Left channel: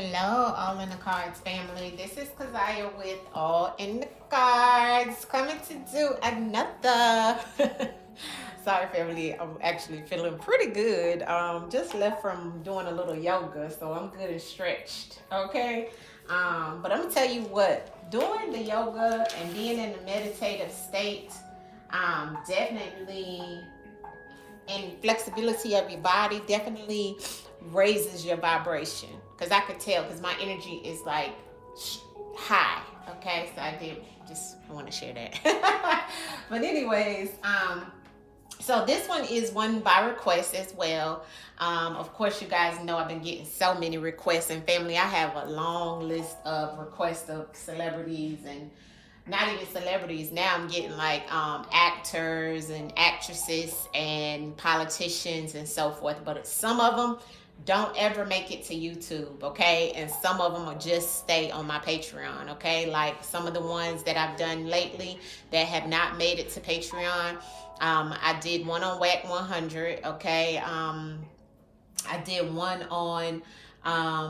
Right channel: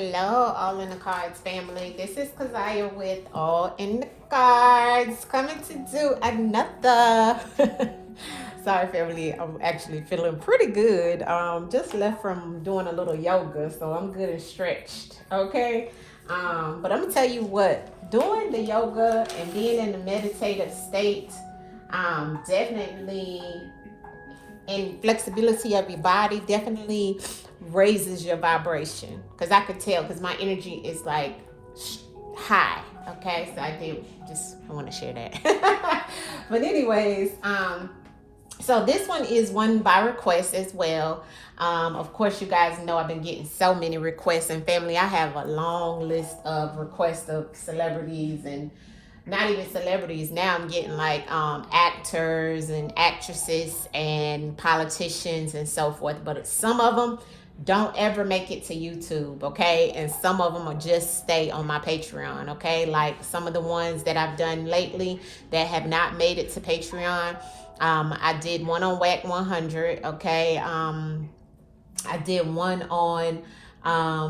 Hello, All in the Cards family. This is Kazaya with All in the Cards, coming to do another. Sorry, family. I'm actually feeling pretty good. Just left from doing a little yoga, so I'm good and stretched. Okay. But I'm gonna tell you what, doing the yoga and being in the meditative state, definitely, and flexibility of your body definitely raises your vibration, because I can tell, because my energy is like high. Okay, so I want to share that. But anyways, so this one is one by request as well. Of course, you guys know I've been getting so many requests, and family, I have a long list of requests of celebrities, and not even celebrities. Now I'm getting like actors and actresses and politicians and so forth. But some of them don't ever make it to YouTube, okay? And some of them will just stay on my Patreon, okay? Like some of the ones that I've done lately that have not made it to Patreon. I did one on WAC 100, okay? I did one on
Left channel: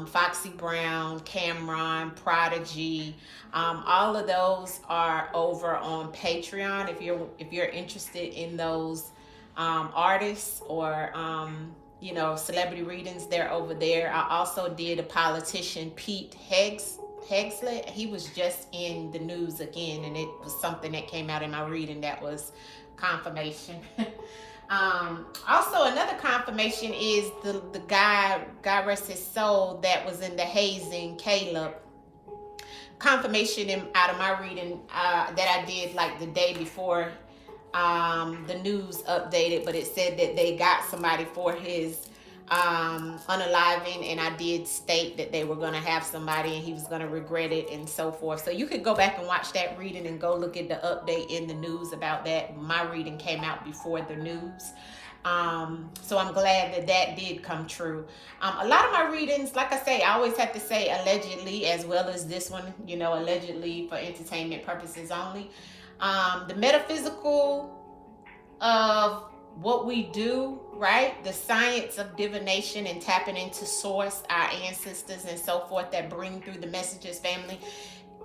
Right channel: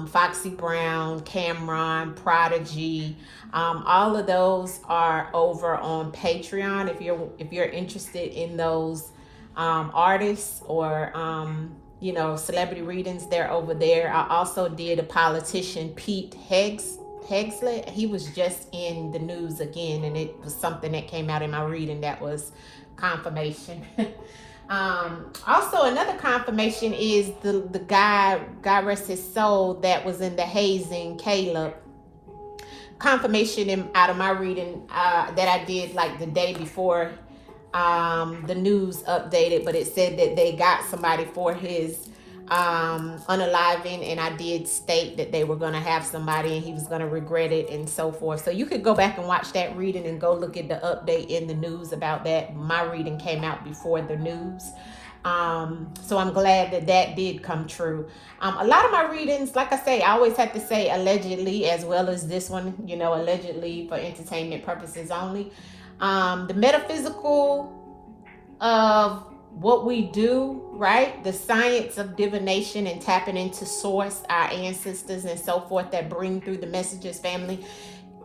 Foxy Brown, Cameron, Prodigy. All of those are over on Patreon. If you're interested in those artists or celebrity readings, they're over there. I also did a politician, Pete Hegslett. He was just in the news again, and it was something that came out in my reading that was confirmation. Also, another confirmation is the guy, God rest his soul, that was in the hazing, Caleb. Confirmation out of my reading that I did like the day before the news updated, but it said that they got somebody for his unaliving, and I did state that they were going to have somebody and he was going to regret it and so forth. So you could go back and watch that reading and go look at the update in the news about that. My reading came out before the news. So I'm glad that did come true. A lot of my readings, like I say, I always have to say allegedly, as well as this one, allegedly for entertainment purposes only. The metaphysical of what we do, right? The science of divination and tapping into source, our ancestors and so forth that bring through the messages, family,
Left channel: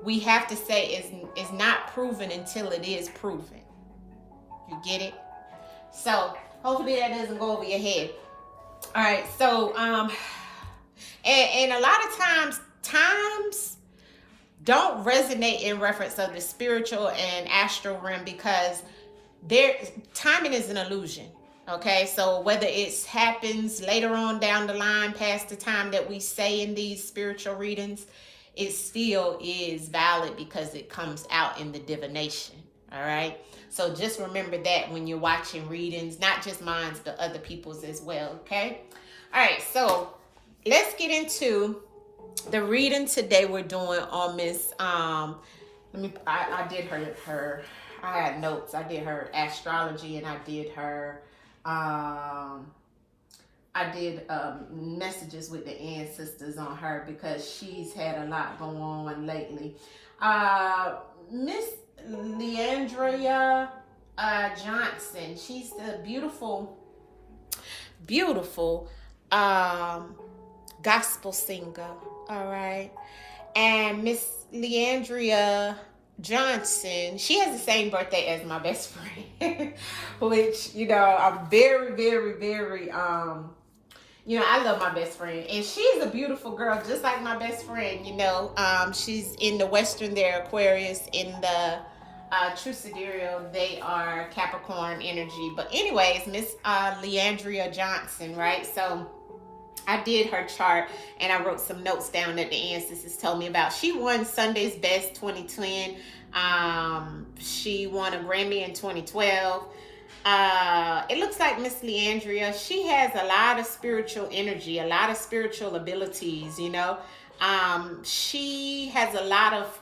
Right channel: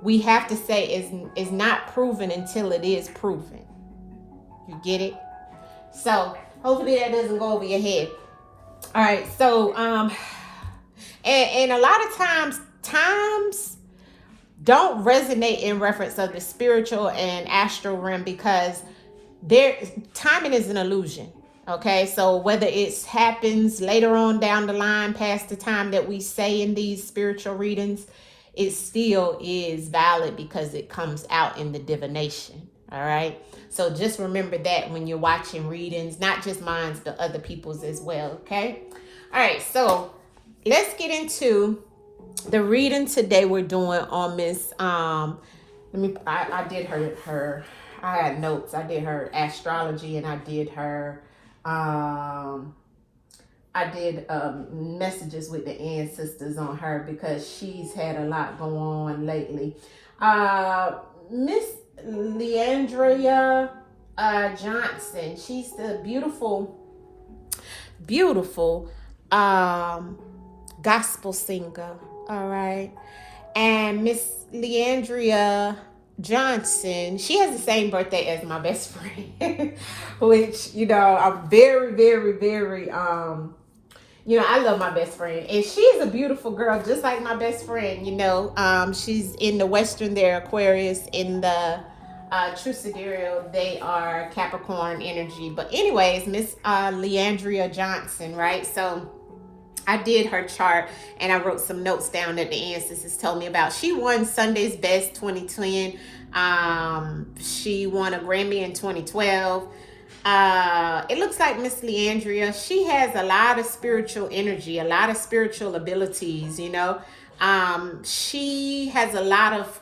we have to say is not proven until it is proven. You get it? So hopefully that doesn't go over your head. All right, so and a lot of times don't resonate in reference of the spiritual and astral realm, because timing is an illusion. Okay, so whether it happens later on down the line past the time that we say in these spiritual readings, it still is valid because it comes out in the divination. All right, so just remember that when you're watching readings, not just mine, but other people's as well. Okay, all right, so let's get into the reading today. We're doing on Miss I did her I had notes. I did her astrology, and I did her messages with the ancestors on her, because she's had a lot going on lately. Miss Leandria Johnson, she's the beautiful gospel singer. All right, and Miss Leandria Johnson, she has the same birthday as my best friend, which, I'm very, very, very, I love my best friend, and she's a beautiful girl, just like my best friend, she's in the Western, they're Aquarius, in the True Sidereal, they are Capricorn energy. But anyways, Miss Leandria Johnson, right? So I did her chart, and I wrote some notes down that the ancestors told me about. She won Sunday's Best 2020. She won a Grammy in 2012. It looks like Miss Leandria, she has a lot of spiritual energy, a lot of spiritual abilities, She has a lot of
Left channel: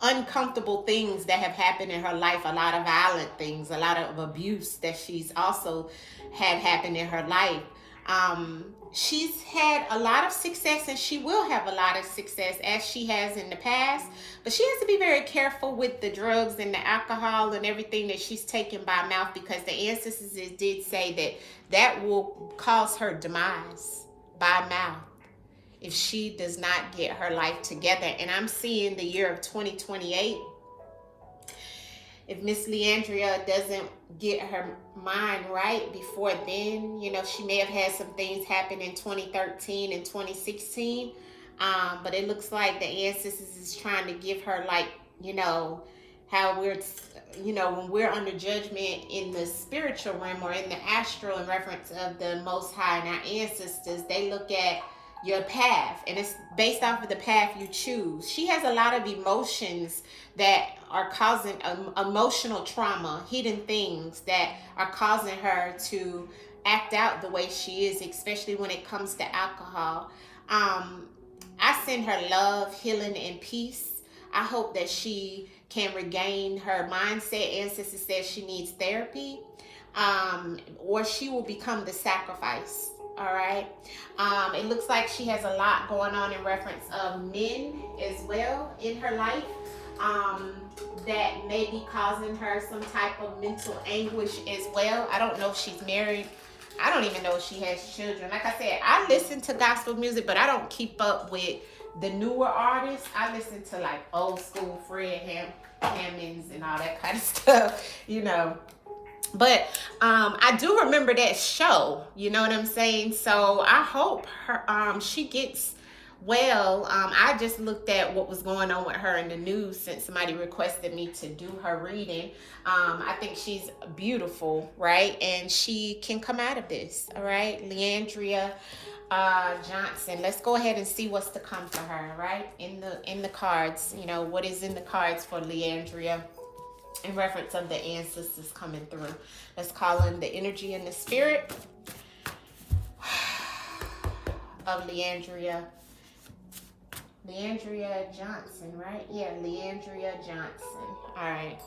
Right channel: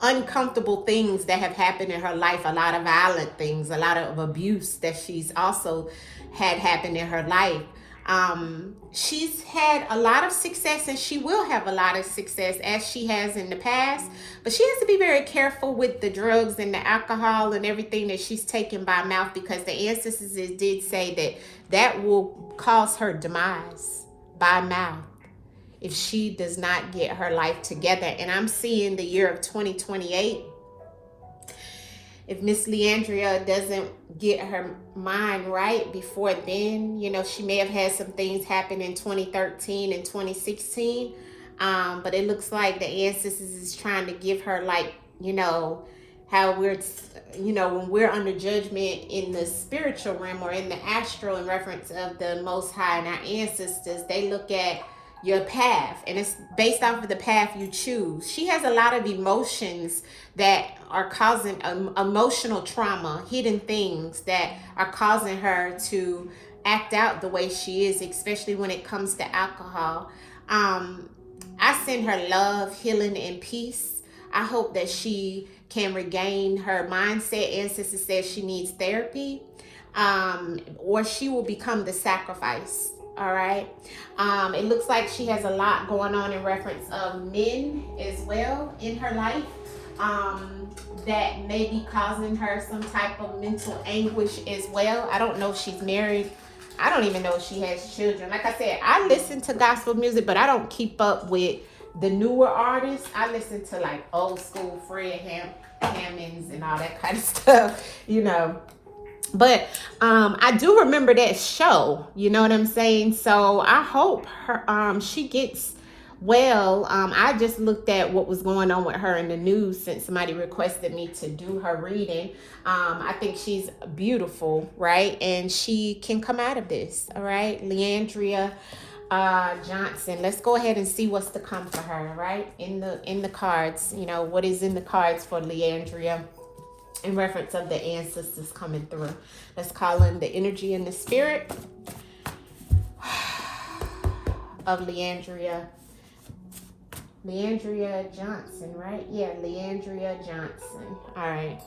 uncomfortable things that have happened in her life, a lot of violent things, a lot of abuse that she's also had happen in her life. She's had a lot of success, and she will have a lot of success as she has in the past, but she has to be very careful with the drugs and the alcohol and everything that she's taking by mouth, because the ancestors did say that will cause her demise by mouth. if she does not get her life together. And I'm seeing the year of 2028. If Miss Leandria doesn't get her mind right before then, you know, she may have had some things happen in 2013 and 2016. But it looks like the ancestors is trying to give her, like, you know, how we're, you know, when we're under judgment in the spiritual realm or in the astral, in reference of the Most High and our ancestors, they look at your path, and it's based off of the path you choose. She has a lot of emotions that are causing emotional trauma, hidden things that are causing her to act out the way she is, especially when it comes to alcohol. I send her love, healing, and peace. I hope that she can regain her mindset. Ancestor says she needs therapy, or she will become the sacrifice. All right. It looks like she has a lot going on in reference of men as well in her life, that may be causing her some type of mental anguish as well. I don't know if she's married. I don't even know if she has children. Like I said, I listen to gospel music, but I don't keep up with the newer artists. I listen to like old school Fred Hammonds and all that kind of stuff, you know. But I do remember that show, you know what I'm saying? So I hope her she gets well. I just looked at what was going on with her in the news since somebody requested me to do her reading. I think she's beautiful, right? And she can come out of this, all right? Leandria Johnson. Let's go ahead and see what's to come for her, right? In the cards, you know, what is in the cards for Leandria in reference of the ancestors coming through. Let's call in the energy and the spirit of Leandria Johnson, right? Yeah, Leandria Johnson. All right.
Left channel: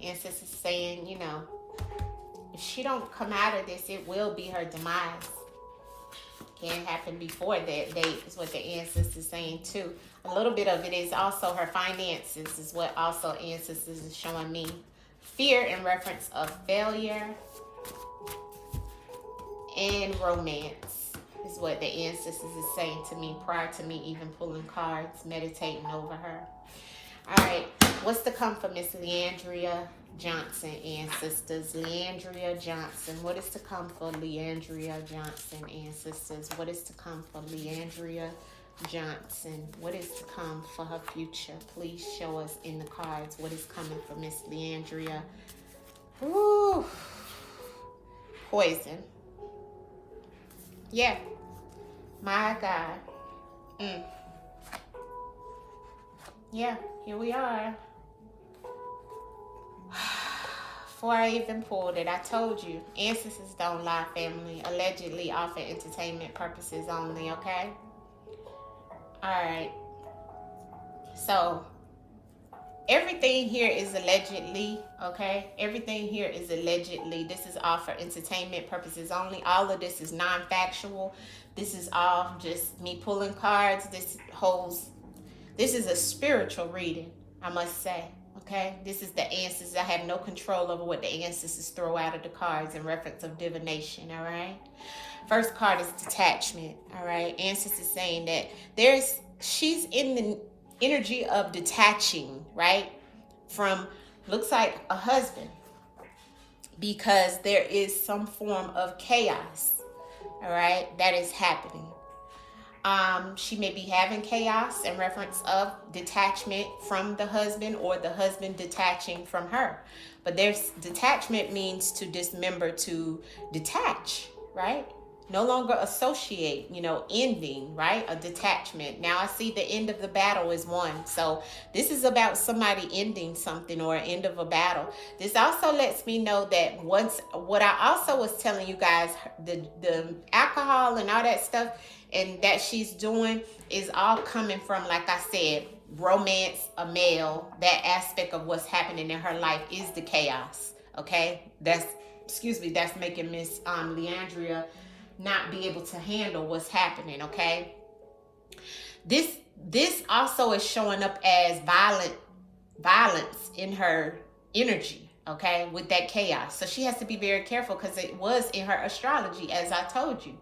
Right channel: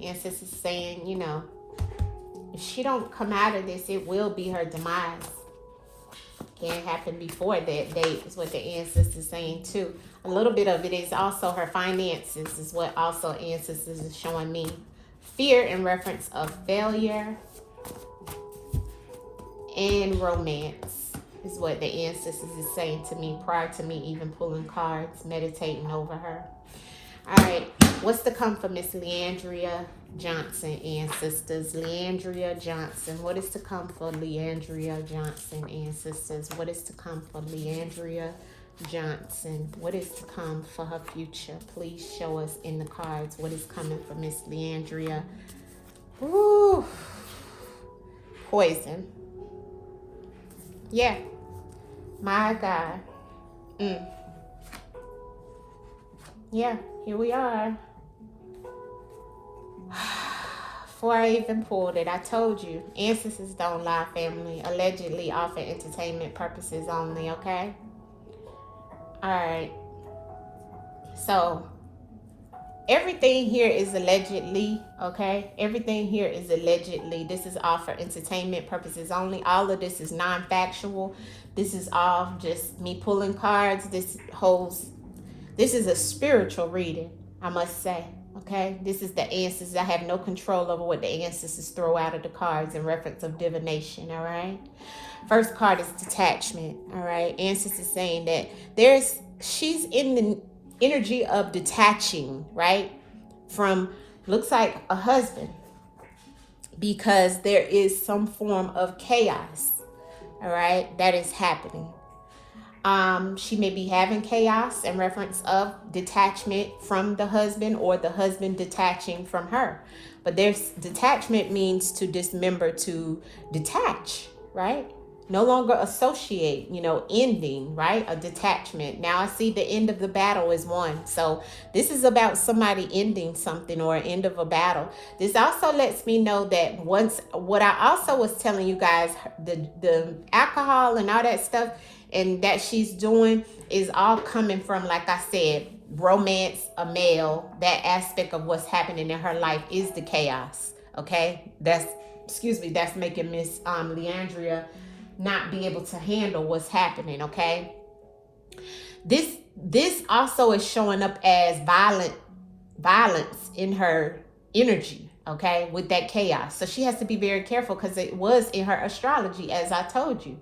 Yes, this is saying, you know, if she don't come out of this, it will be her demise. Can't happen before that date is what the ancestors saying too. A little bit of it is also her finances is what also ancestors is showing me. Fear in reference of failure and romance is what the ancestors is saying to me prior to me even pulling cards, meditating over her. All right, what's to come for Miss Leandria Johnson, ancestors? Leandria Johnson, what is to come for Leandria Johnson, ancestors? What is to come for Leandria Johnson? What is to come for her future? Please show us in the cards what is coming for Miss Leandria. Ooh, poison. Yeah, my God. Yeah, here we are. Before I even pulled it, I told you, ancestors don't lie, family. Allegedly off for entertainment purposes only, okay? Alright. So, everything here is allegedly, okay? Everything here is allegedly. This is all for entertainment purposes only. All of this is non-factual. This is all just me pulling cards. This is a spiritual reading, I must say, okay? This is the ancestors. I have no control over what the ancestors throw out of the cards in reference of divination, all right? First card is detachment, all right? Ancestors saying that she's in the energy of detaching, right? From, looks like a husband, because there is some form of chaos, all right, that is happening. She may be having chaos in reference of detachment from the husband or the husband detaching from her. But there's detachment means to dismember, to detach, right? No longer associate, you know, ending, right? A detachment. Now I see the end of the battle is won. So this is about somebody ending something or end of a battle. This also lets me know that once, what I also was telling you guys, the alcohol and all that stuff, and that she's doing is all coming from, like I said, romance, a male. That aspect of what's happening in her life is the chaos. Okay, that's making Miss Leandria not be able to handle what's happening. Okay, this also is showing up as violence in her energy, okay, with that chaos. So she has to be very careful, because it was in her astrology, as I told you,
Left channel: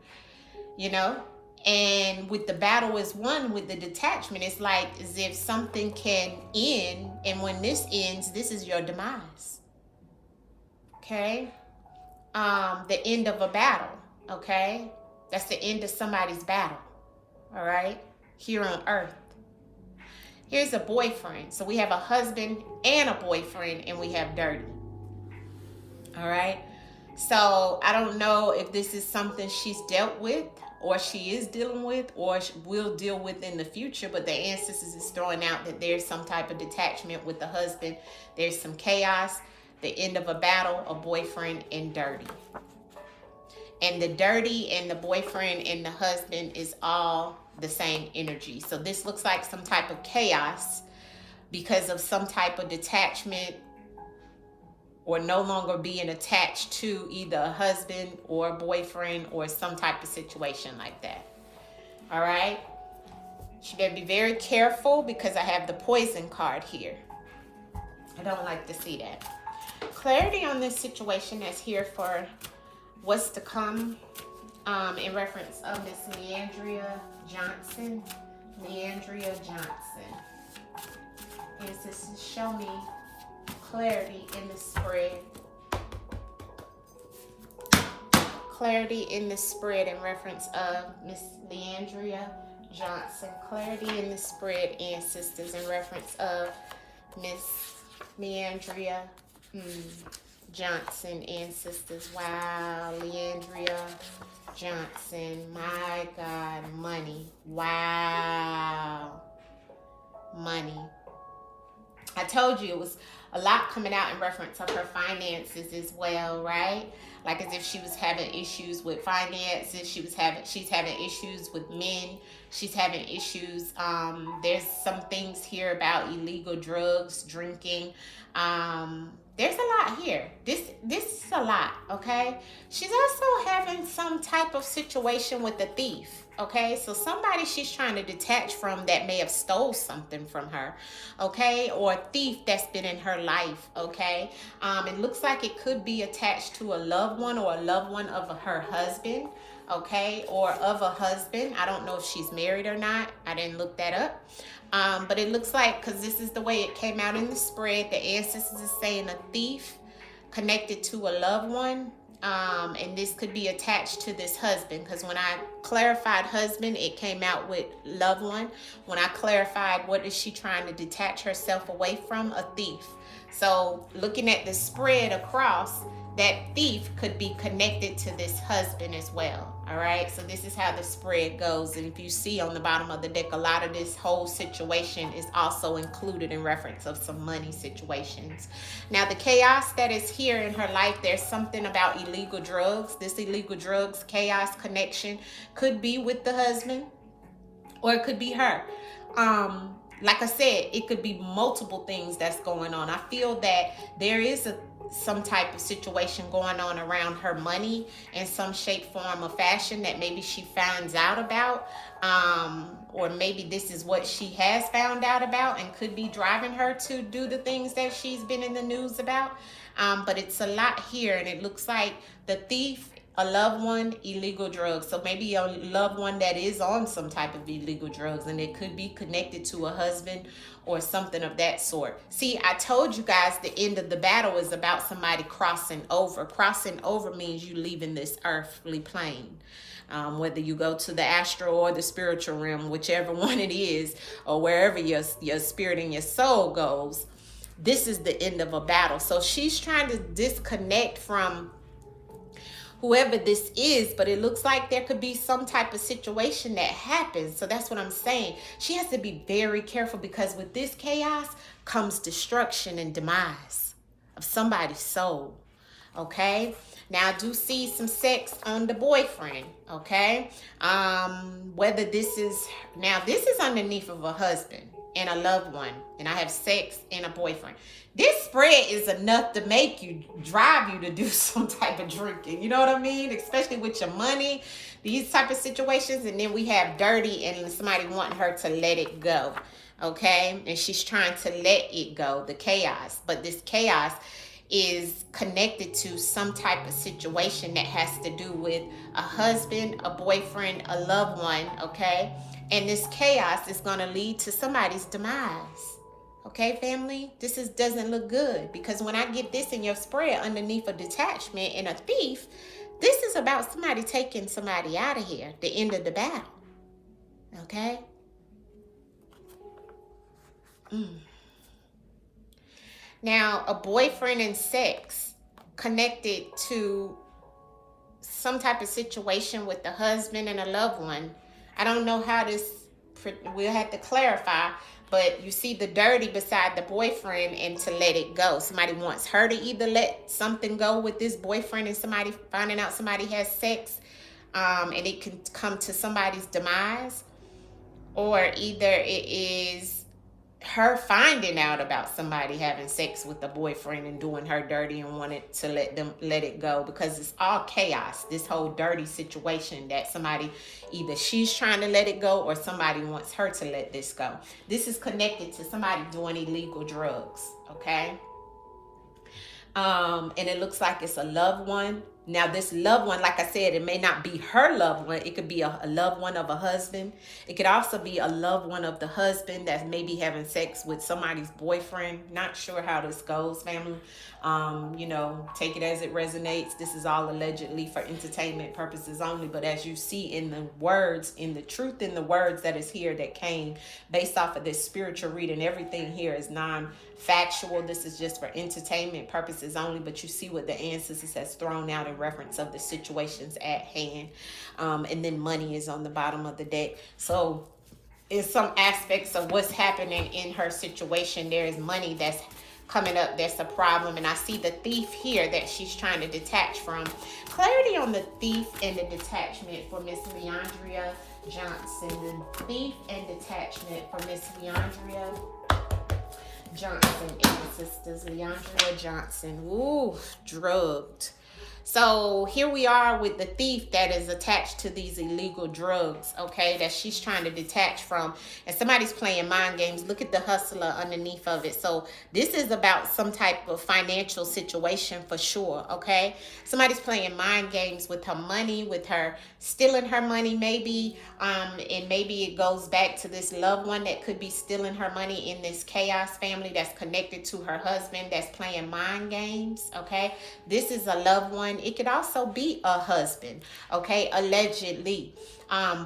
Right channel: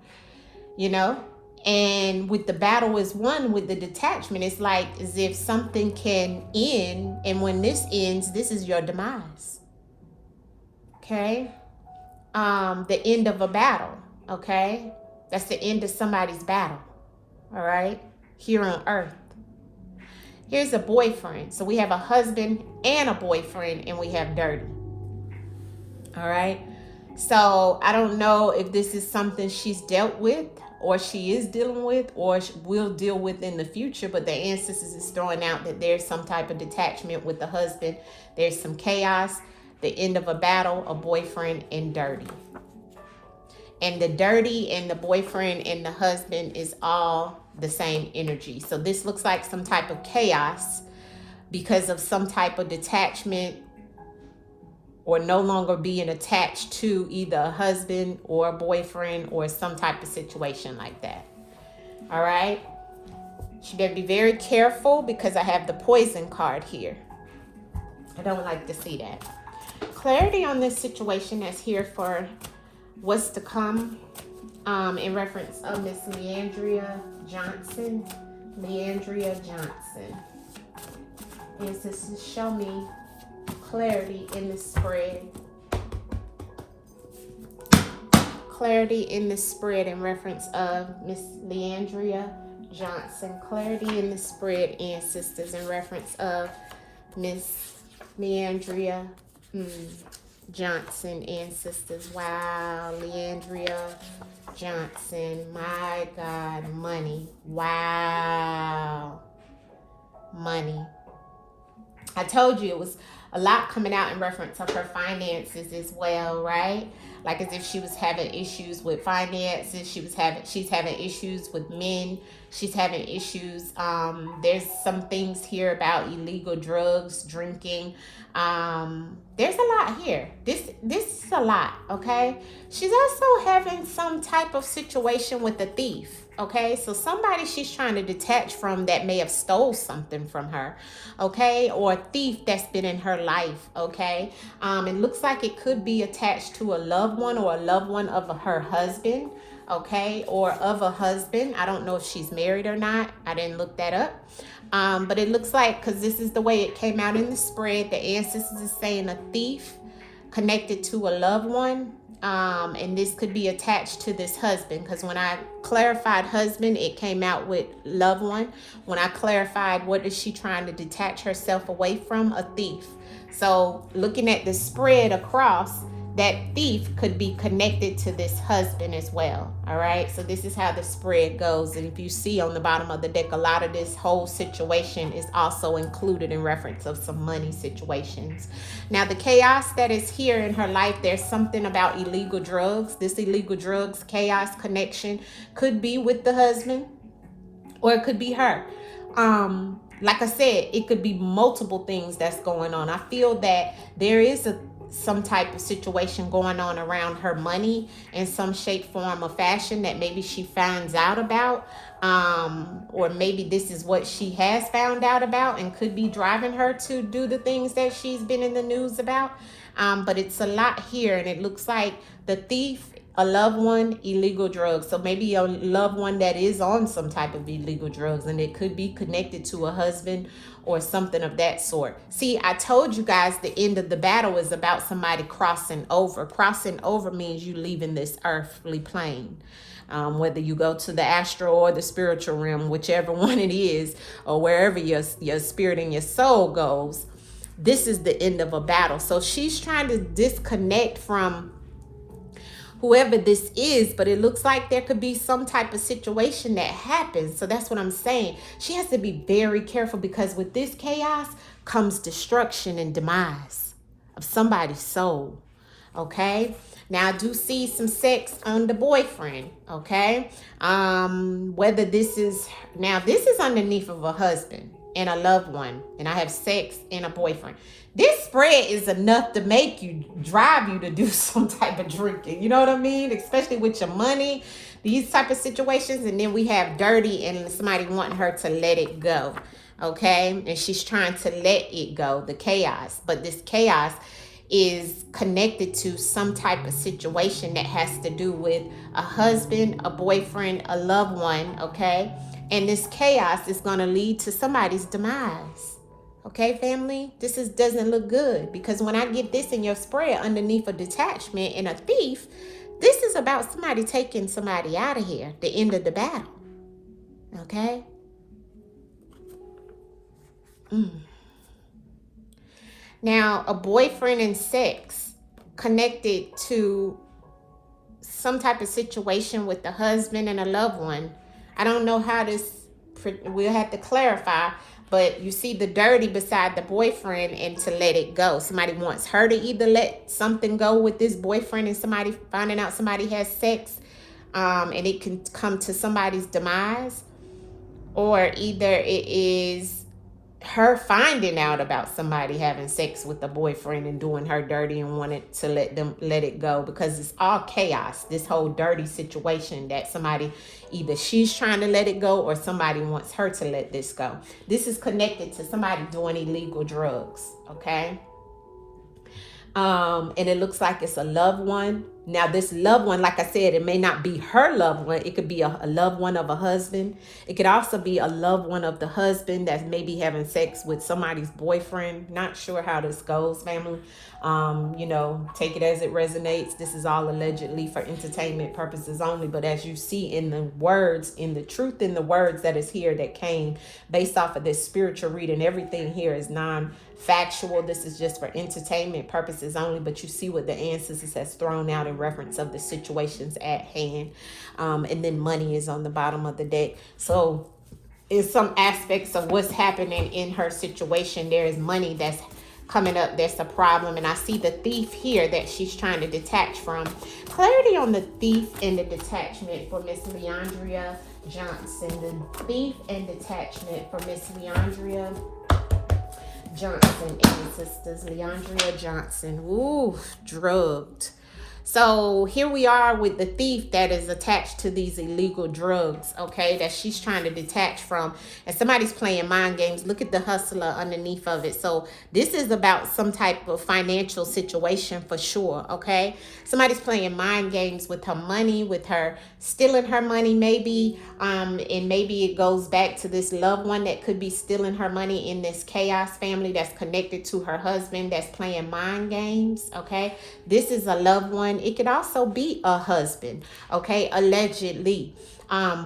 you know. And with the battle is won, with the detachment, it's like as if something can end, and when this ends, this is your demise. Okay, the end of a battle. Okay, that's the end of somebody's battle. All right, here on earth. Here's a boyfriend. So we have a husband and a boyfriend, and we have dirty. All right. So I don't know if this is something she's dealt with, or she is dealing with, or will deal with in the future. But the ancestors is throwing out that there's some type of detachment with the husband. There's some chaos, the end of a battle, a boyfriend, and dirty. And the dirty and the boyfriend and the husband is all the same energy. So this looks like some type of chaos because of some type of detachment, or no longer being attached to either a husband or a boyfriend, or some type of situation like that. All right. She better be very careful, because I have the poison card here. I don't like to see that. Clarity on this situation that's here for what's to come, in reference of Miss Leandria Johnson. Leandria Johnson. Yes, this is show me clarity in the spread. Clarity in the spread in reference of Miss Leandria Johnson. Clarity in the spread, ancestors, in reference of Miss Leandria Johnson, ancestors. Wow, Leandria Johnson. My God, money. Wow. Money. I told you it was a lot coming out in reference of her finances as well, right? Like as if she was having issues with finances. She's having issues with men. She's having issues. There's some things here about illegal drugs, drinking. There's a lot here. This is a lot, okay? She's also having some type of situation with a thief, okay? So somebody she's trying to detach from that may have stole something from her, okay? Or a thief that's been in her life, okay? It looks like it could be attached to a loved one, or a loved one of her husband, okay? Or of a husband. I don't know if she's married or not. I didn't look that up. But it looks like, because this is the way it came out in the spread, the ancestors is saying a thief connected to a loved one. And this could be attached to this husband, because when I clarified husband, it came out with loved one. When I clarified what is she trying to detach herself away from, a thief. So looking at the spread across, that thief could be connected to this husband as well. All right, so this is how the spread goes. And if you see on the bottom of the deck, a lot of this whole situation is also included in reference of some money situations. Now, the chaos that is here in her life, there's something about illegal drugs. This illegal drugs chaos connection could be with the husband, or it could be her. Like I said, it could be multiple things that's going on. I feel that there is some type of situation going on around her money in some shape, form, or fashion that maybe she finds out about, or maybe this is what she has found out about and could be driving her to do the things that she's been in the news about. But it's a lot here, and it looks like the thief, a loved one, illegal drugs. So maybe a loved one that is on some type of illegal drugs, and it could be connected to a husband or something of that sort. See, I told you guys the end of the battle is about somebody crossing over. Crossing over means you leaving this earthly plane. Whether you go to the astral or the spiritual realm, whichever one it is, or wherever your spirit and your soul goes, this is the end of a battle. So she's trying to disconnect from whoever this is, but it looks like there could be some type of situation that happens. So that's what I'm saying. She has to be very careful, because with this chaos comes destruction and demise of somebody's soul. Okay? Now, I do see some sex on the boyfriend, okay? Whether this is, now this is underneath of a husband and a loved one, and I have sex and a boyfriend. This spread is enough to make you, drive you to do some type of drinking. You know what I mean? Especially with your money, these type of situations. And then we have dirty and somebody wanting her to let it go, okay? And she's trying to let it go, the chaos. But this chaos is connected to some type of situation that has to do with a husband, a boyfriend, a loved one, okay? And this chaos is going to lead to somebody's demise. Okay, family? This doesn't look good, because when I get this in your spread underneath a detachment and a thief, this is about somebody taking somebody out of here, the end of the battle. Okay? Now, a boyfriend and sex connected to some type of situation with the husband and a loved one. I don't know how this, we'll have to clarify, but you see the dirty beside the boyfriend and to let it go. Somebody wants her to either let something go with this boyfriend and somebody finding out somebody has sex, and it can come to somebody's demise, or either it is her finding out about somebody having sex with a boyfriend and doing her dirty and wanted to let it go, because it's all chaos, this whole dirty situation that somebody, either she's trying to let it go or somebody wants her to let this go. This is connected to somebody doing illegal drugs, okay? And it looks like it's a loved one. Now, this loved one, like I said, it may not be her loved one. It could be a loved one of a husband. It could also be a loved one of the husband that's maybe having sex with somebody's boyfriend. Not sure how this goes, family. You know, take it as it resonates. This is all allegedly for entertainment purposes only. But as you see in the words, in the truth in the words that is here that came based off of this spiritual reading, everything here is non-factual. This is just for entertainment purposes only. But you see what the ancestors has thrown out in reference of the situations at hand, and then money is on the bottom of the deck. So in some aspects of what's happening in her situation, there is money that's coming up that's a problem. And I see the thief here that she's trying to detach from. Clarity on the thief and the detachment for Miss Leandria Johnson. The thief and detachment for Miss Leandria Johnson and the sisters. Leandria Johnson. Ooh, drugged. So here we are with the thief that is attached to these illegal drugs, okay, that she's trying to detach from. And somebody's playing mind games. Look at the hustler underneath of it. So this is about some type of financial situation for sure, okay? Somebody's playing mind games with her money, with her stealing her money maybe, and maybe it goes back to this loved one that could be stealing her money in this chaos family that's connected to her husband that's playing mind games, okay? This is a loved one. It could also be a husband, okay, allegedly.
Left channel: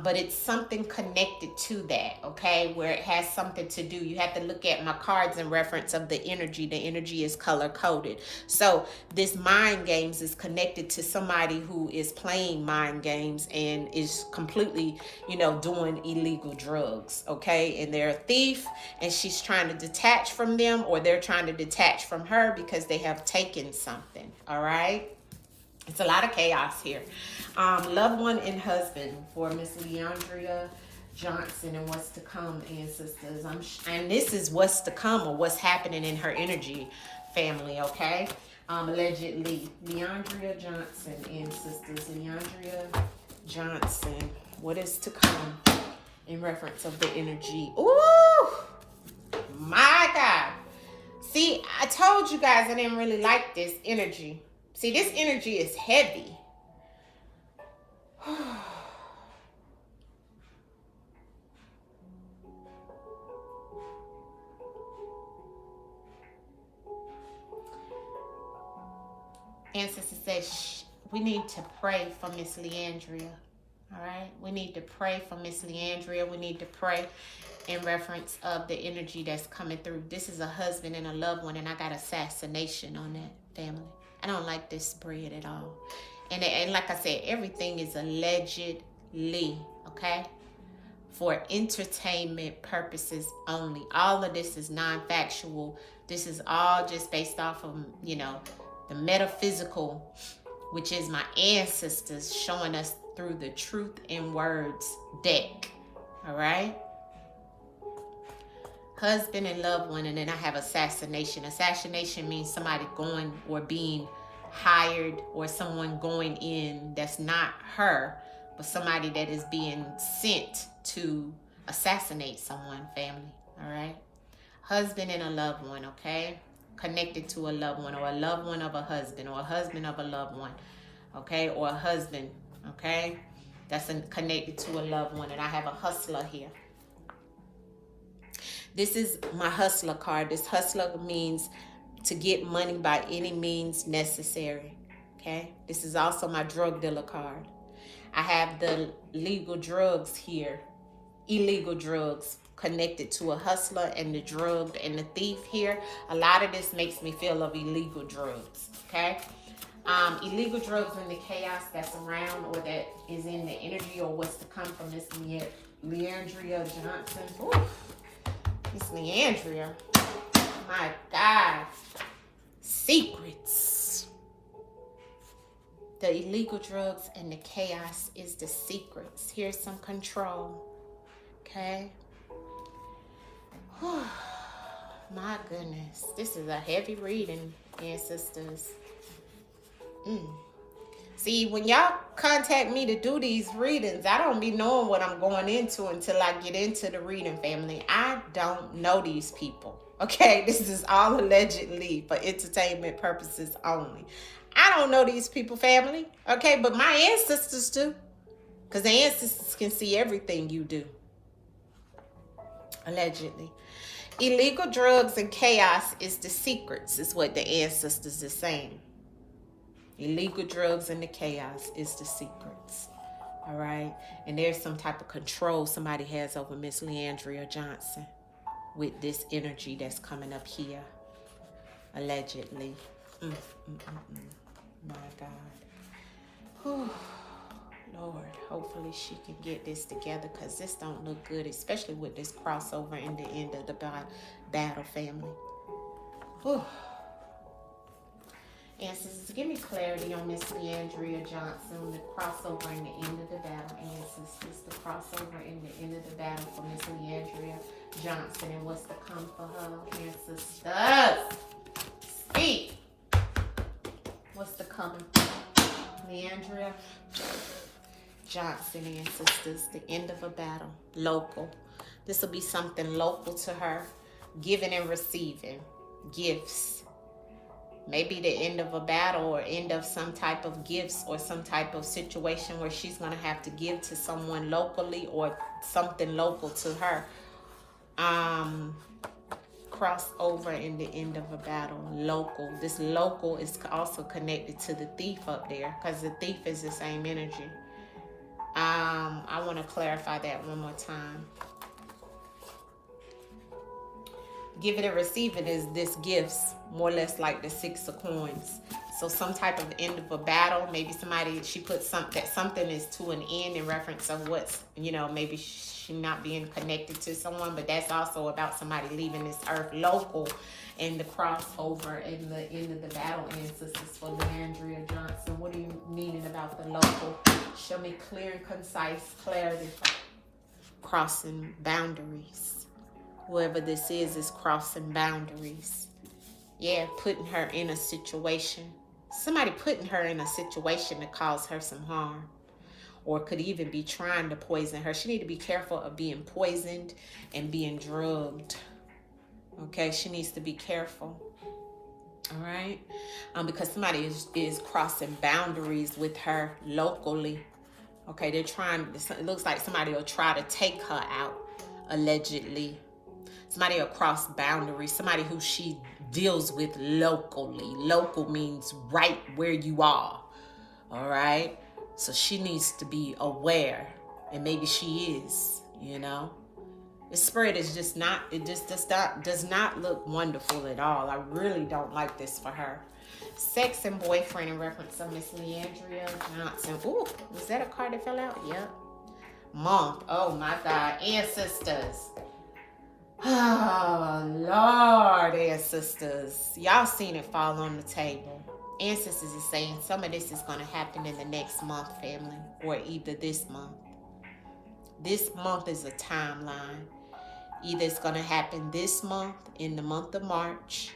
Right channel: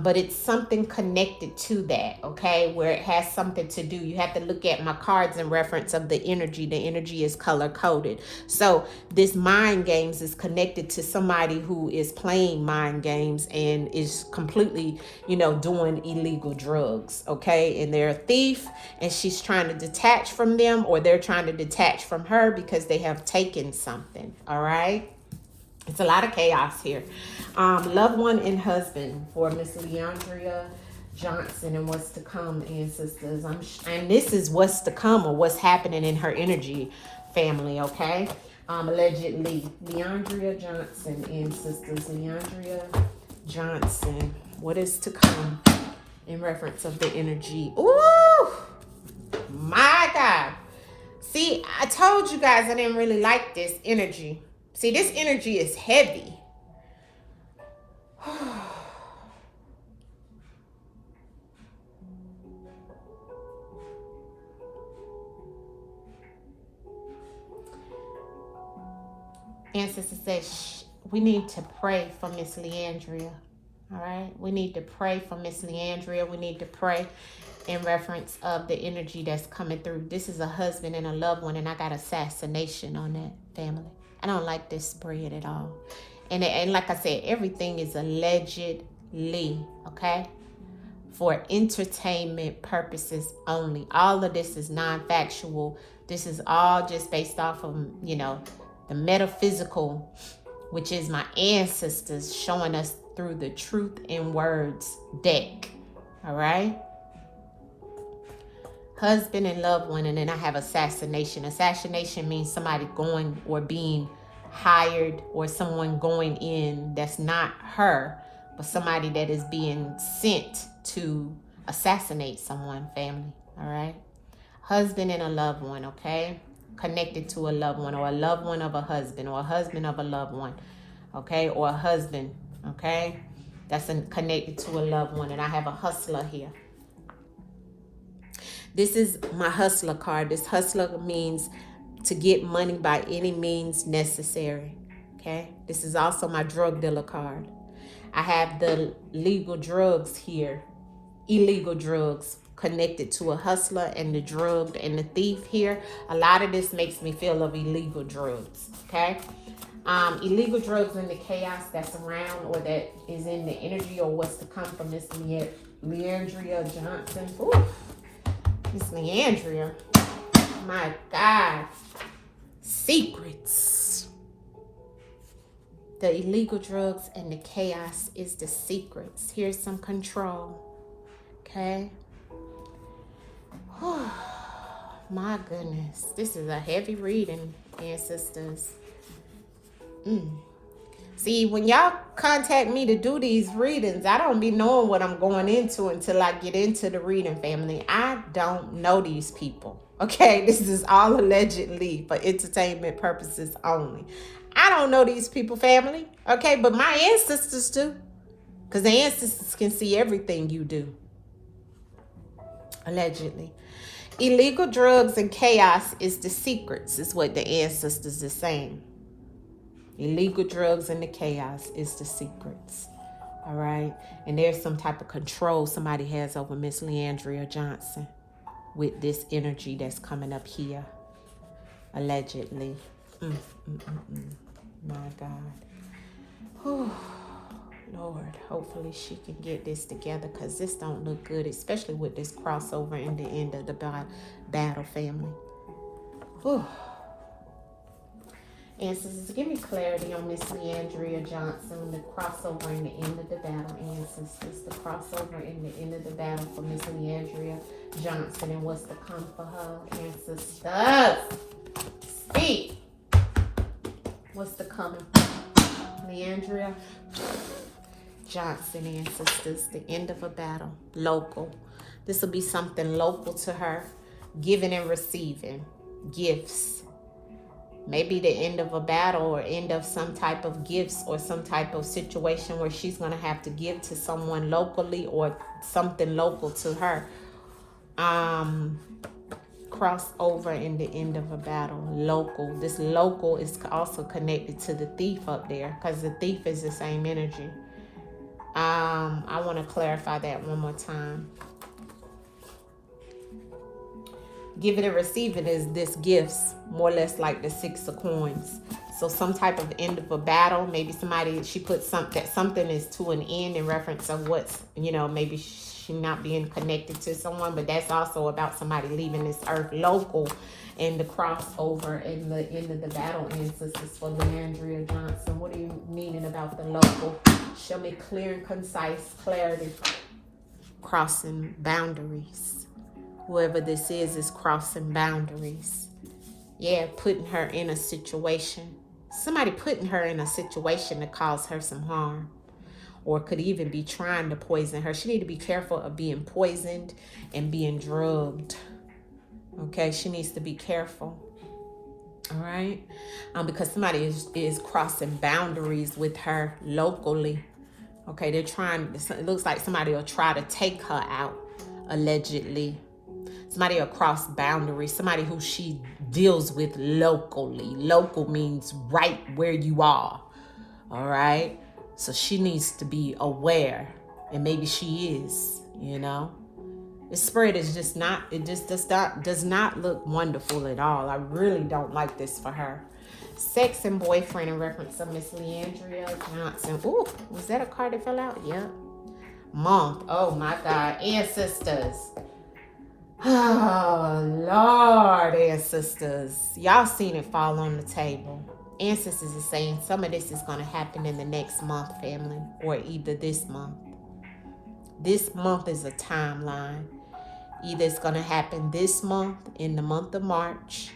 But it's something connected to that, okay, where it has something to do. You have to look at my cards in reference of the energy. The energy is color-coded. So this mind games is connected to somebody who is playing mind games and is completely, you know, doing illegal drugs, okay? And they're a thief, and she's trying to detach from them, or they're trying to detach from her because they have taken something, all right? It's a lot of chaos here. Loved one and husband for Miss Leandria Johnson and what's to come, ancestors. And this is what's to come, or what's happening in her energy family, okay? Allegedly, Leandria Johnson, ancestors. Leandria Johnson, what is to come in reference of the energy? Ooh, my God. See, I told you guys I didn't really like this energy. See, this energy is heavy. Ancestor says we need to pray for Miss Leandria. All right? We need to pray for Miss Leandria. We need to pray in reference of the energy that's coming through. This is a husband and a loved one, and I got assassination on that family. I don't like this spread at all. And like I said, everything is allegedly, okay? For entertainment purposes only. All of this is non-factual. This is all just based off of, you know, the metaphysical which is my ancestors showing us through the Truth in Words deck. All right. Husband and loved one, and then I have assassination. Assassination means somebody going or being hired, or someone going in that's not her, but somebody that is being sent to assassinate someone, family. All right. Husband and a loved one, okay? Connected to a loved one, or a loved one of a husband, or a husband of a loved one, okay? Or a husband, okay? That's connected to a loved one. And I have a hustler here. This is my hustler card. This hustler means to get money by any means necessary, okay? This is also my drug dealer card. I have the legal drugs here, illegal drugs, connected to a hustler, and the drug and the thief here. A lot of this makes me feel of illegal drugs, okay? Illegal drugs and the chaos that's around, or that is in the energy, or what's to come from this Leandria Johnson. Ooh, this Leandria, my God. Secrets. The illegal drugs and the chaos is the secrets. Here's some control, okay? Oh, my goodness. This is a heavy reading, ancestors. See, when y'all contact me to do these readings, I don't be knowing what I'm going into until I get into the reading, family. I don't know these people, okay? This is all allegedly for entertainment purposes only. I don't know these people, family, okay? But my ancestors do, because the ancestors can see everything you do, allegedly. Illegal drugs and chaos is the secrets, is what the ancestors are saying. Illegal drugs and the chaos is the secrets. All right. And there's some type of control somebody has over Miss Leandria Johnson with this energy that's coming up here, allegedly. My God. Whew. Lord, hopefully she can get this together, because this don't look good, especially with this crossover in the end of the battle, family. Whew. Ancestors, give me clarity on Miss Leandria Johnson, the crossover in the end of the battle, ancestors. The crossover in the end of the battle for Miss Leandria Johnson, and what's to come for her, ancestors. Speak. What's to come? Leandria Johnson, ancestors, the end of a battle, local. This will be something local to her, giving and receiving gifts. Maybe the end of a battle, or end of some type of gifts, or some type of situation where she's going to have to give to someone locally, or something local to her. Crossover in the end of a battle, local. This local is also connected to the thief up there, because the thief is the same energy. I want to clarify that one more time. Give it and receive it is this gifts, more or less like the 6 of coins. So some type of end of a battle. Maybe somebody, she put something is to an end in reference of what's, maybe she not being connected to someone, but that's also about somebody leaving this earth, local, and the crossover and the end of the battle, ancestors, for Leandria Johnson. What are you meaning about the local? Show me clear and concise clarity. Crossing boundaries. Whoever this is crossing boundaries. Yeah, putting her in a situation. Somebody putting her in a situation to cause her some harm. Or could even be trying to poison her. She need to be careful of being poisoned and being drugged. Okay, she needs to be careful. All right? Because somebody is crossing boundaries with her locally. Okay, they're trying, it looks like somebody will try to take her out, allegedly. Somebody across boundaries, somebody who she deals with locally. Local means right where you are. All right? So she needs to be aware. And maybe she is, The spread is just not, it just does not look wonderful at all. I really don't like this for her. Sex and boyfriend in reference to Miss Leandria Johnson. Ooh, was that a card that fell out? Yeah. Month. Oh my God. Ancestors. Oh, Lord, ancestors. Y'all seen it fall on the table. Ancestors is saying some of this is going to happen in the next month, family, or either this month. This month is a timeline. Either it's going to happen this month, in the month of March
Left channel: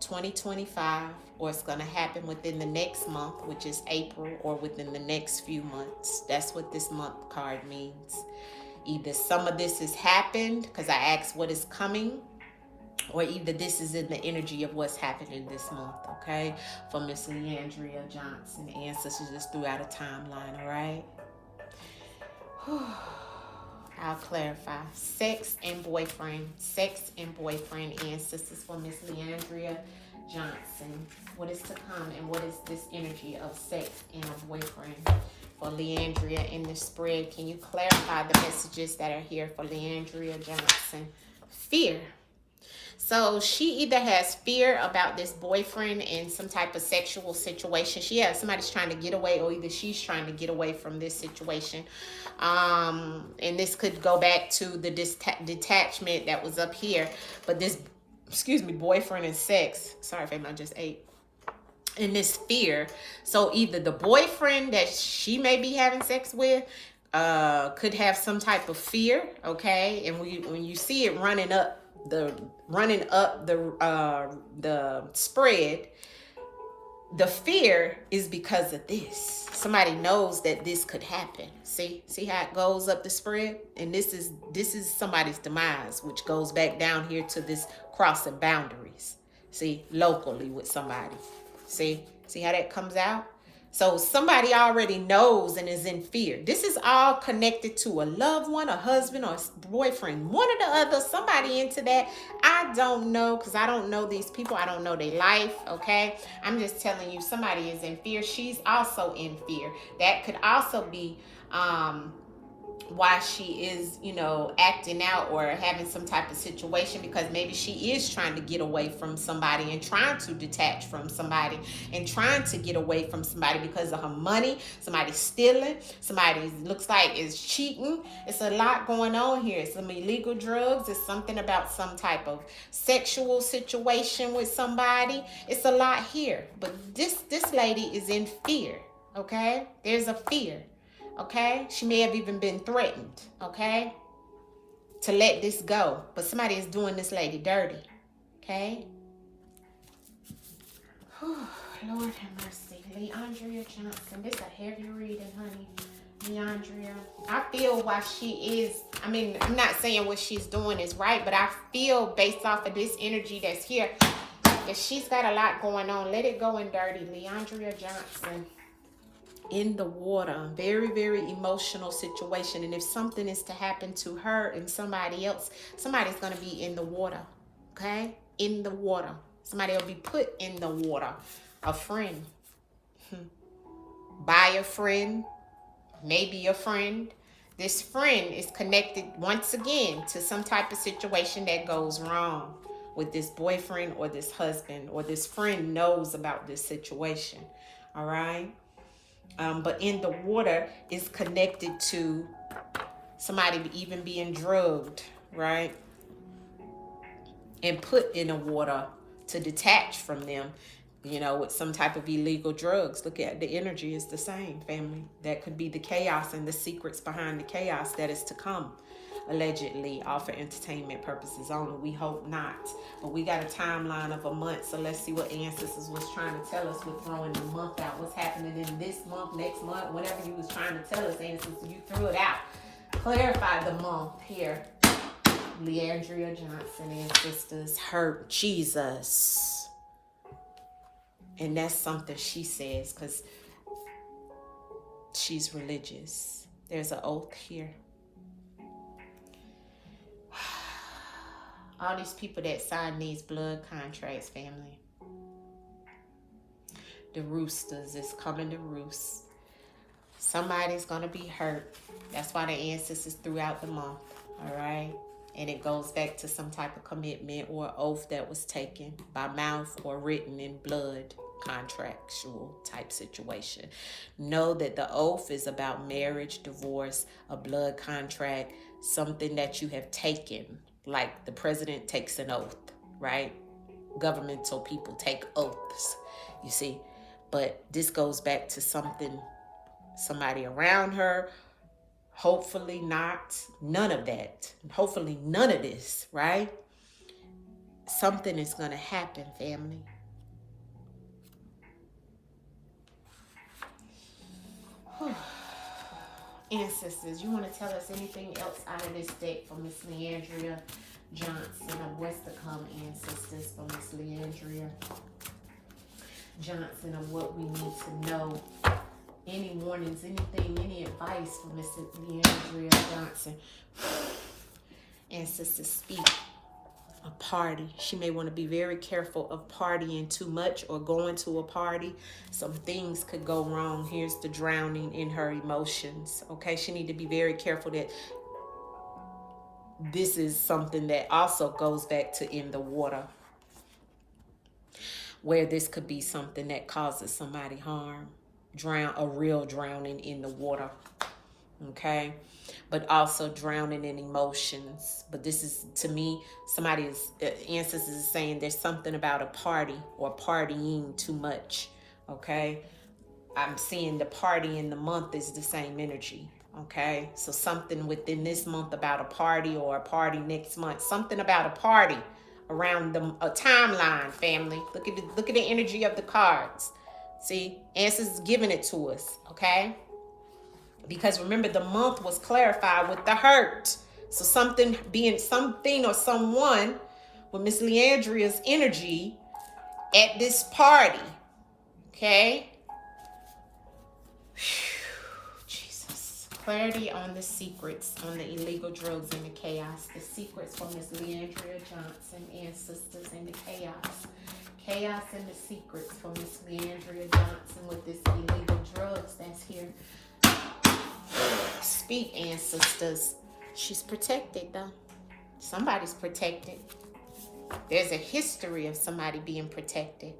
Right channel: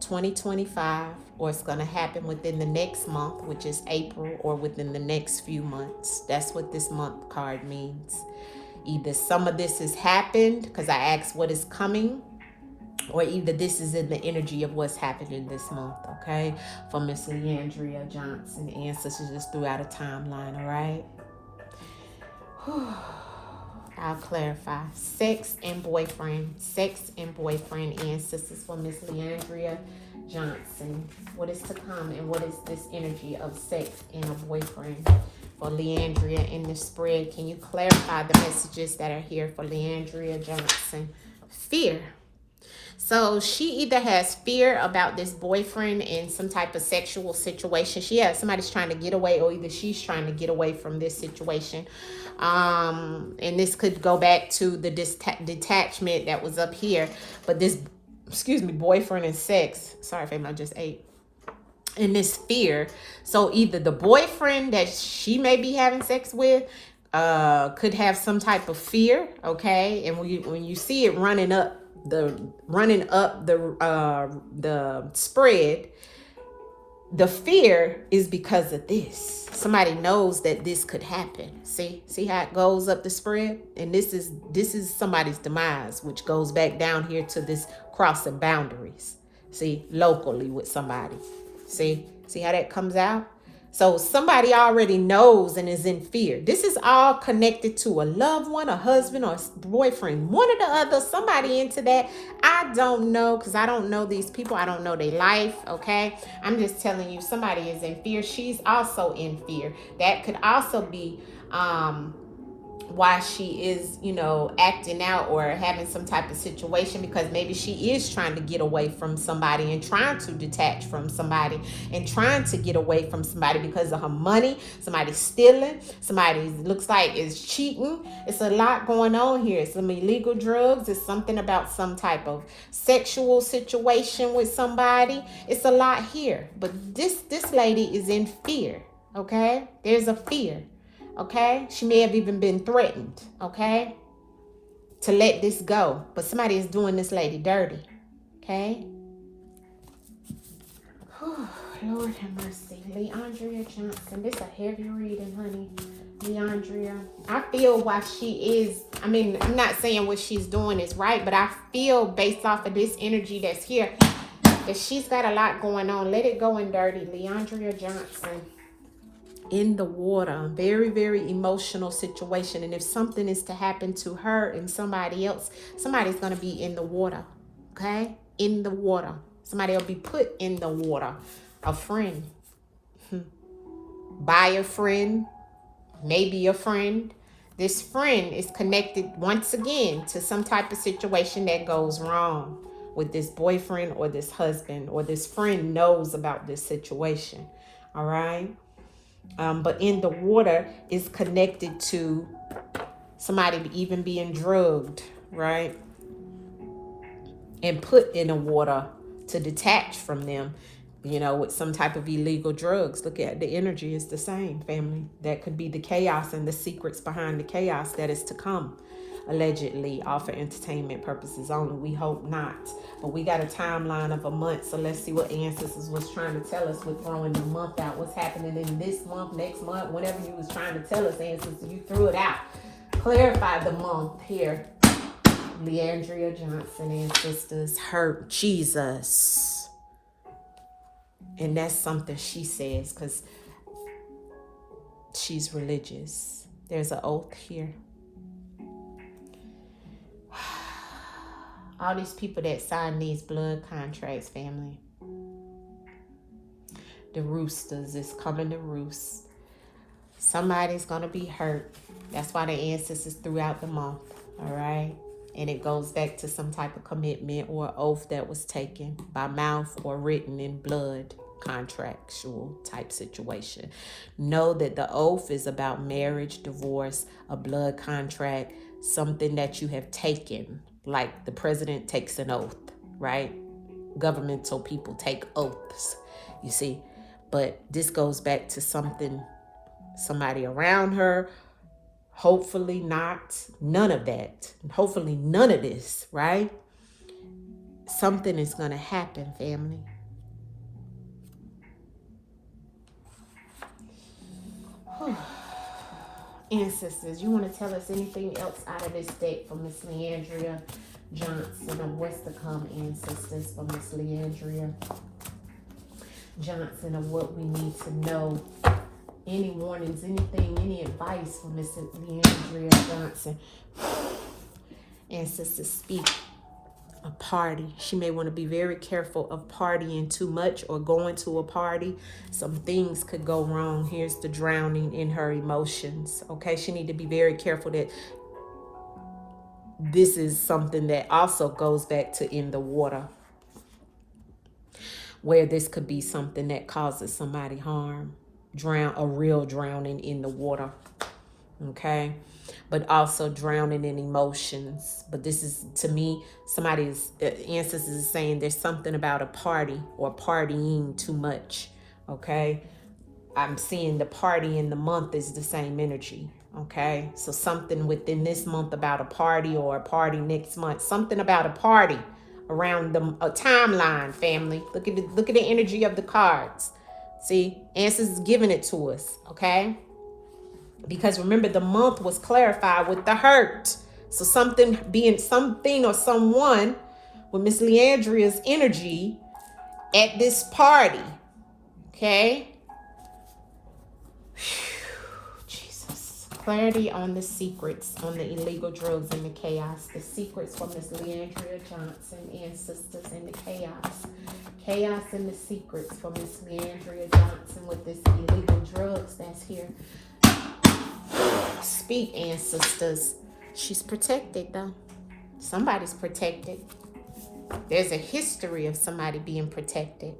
2025, or it's going to happen within the next month, which is April, or within the next few months. That's what this month card means. Either some of this has happened, because I asked what is coming, or either this is in the energy of what's happening this month, okay? For Miss Leandria Johnson, ancestors just threw out a timeline, all right? I'll clarify. Sex and boyfriend. Sex and boyfriend, ancestors for Miss Leandria Johnson. What is to come, and what is this energy of sex and a boyfriend for Leandria in the spread? Can you clarify the messages that are here for Leandria Johnson? Fear. So she either has fear about this boyfriend in some type of sexual situation. Somebody's trying to get away, or either she's trying to get away from this situation. And this could go back to the detachment that was up here. But this, boyfriend and sex. Sorry, fam, I just ate. And this fear. So either the boyfriend that she may be having sex with could have some type of fear, okay? And when you see it running up the spread, the fear is because of this. Somebody knows that this could happen. See how it goes up the spread? And this is somebody's demise, which goes back down here to this crossing boundaries. See, locally with somebody. See how that comes out? So somebody already knows and is in fear. This is all connected to a loved one, a husband, or a boyfriend. One or the other, somebody into that. I don't know, because I don't know these people. I don't know their life, okay? I'm just telling you, somebody is in fear. She's also in fear. That could also be why she is, acting out or having some type of situation, because maybe she is trying to get away from somebody and trying to detach from somebody and trying to get away from somebody because of her money. Somebody's stealing. Somebody looks like is cheating. It's a lot going on here. Some illegal drugs. It's something about some type of sexual situation with somebody. It's a lot here. But this lady is in fear, okay? There's a fear. Okay, she may have even been threatened, okay, to let this go. But somebody is doing this lady dirty, okay? Whew, Lord have mercy. Leandria Johnson. This is a heavy reading, honey. Leandria. I feel why she is, I'm not saying what she's doing is right, but I feel based off of this energy that's here that she's got a lot going on. Let it go in dirty. Leandria Johnson. In the water, very, very emotional situation. And if something is to happen to her and somebody else, somebody's going to be in the water, okay? In the water. Somebody will be put in the water. A friend. By a friend. Maybe a friend. This friend is connected once again to some type of situation that goes wrong with this boyfriend or this husband, or this friend knows about this situation, all right? But in the water is connected to somebody even being drugged, right? And put in the water to detach from them, with some type of illegal drugs. Look at the energy is the same, family. That could be the chaos and the secrets behind the chaos that is to come, allegedly, all for entertainment purposes only. We hope not. But we got a timeline of a month, so let's see what ancestors was trying to tell us with throwing the month out. What's happening in this month, next month, whatever you was trying to tell us, ancestors, you threw it out. Clarify the month here. Leandria Johnson, ancestors, hurt Jesus. And that's something she says, because she's religious. There's an oath here. All these people that sign these blood contracts, family. The roosters is coming to roost. Somebody's going to be hurt. That's why the ancestors throughout the month, all right? And it goes back to some type of commitment or oath that was taken by mouth or written in blood, contractual type situation. Know that the oath is about marriage, divorce, a blood contract, something that you have taken. Like the president takes an oath, right? Governmental people take oaths, you see. But this goes back to somebody around her. Hopefully not. None of that. Hopefully none of this, right? Something is going to happen, family. Ancestors, you want to tell us anything else out of this deck from Miss Leandria Johnson of what's to come, ancestors, from Miss Leandria Johnson, of what we need to know? Any warnings, anything, any advice from Miss Leandria Johnson? Ancestors, speak. A party. She may want to be very careful of partying too much or going to a party. Some things could go wrong. Here's the drowning in her emotions. Okay, she need to be very careful that this is something that also goes back to in the water, where this could be something that causes somebody harm. A real drowning in the water. Okay, but also drowning in emotions. But this is, to me, somebody's ancestors is saying there's something about a party or partying too much. Okay, I'm seeing the party in the month is the same energy. Okay, so something within this month about a party, or a party next month, something about a party around a timeline, family. Look at the energy of the cards. See, ancestors is giving it to us. Okay, because remember, the month was clarified with the hurt. So something or someone with Miss Leandria's energy at this party. Okay? Jesus. Clarity on the secrets, on the illegal drugs and the chaos. The secrets from Miss Leandria Johnson, ancestors, and the chaos. Chaos and the secrets from Miss Leandria Johnson with this illegal drugs that's here. Speak, ancestors. She's protected, though. Somebody's protected. There's a history of somebody being protected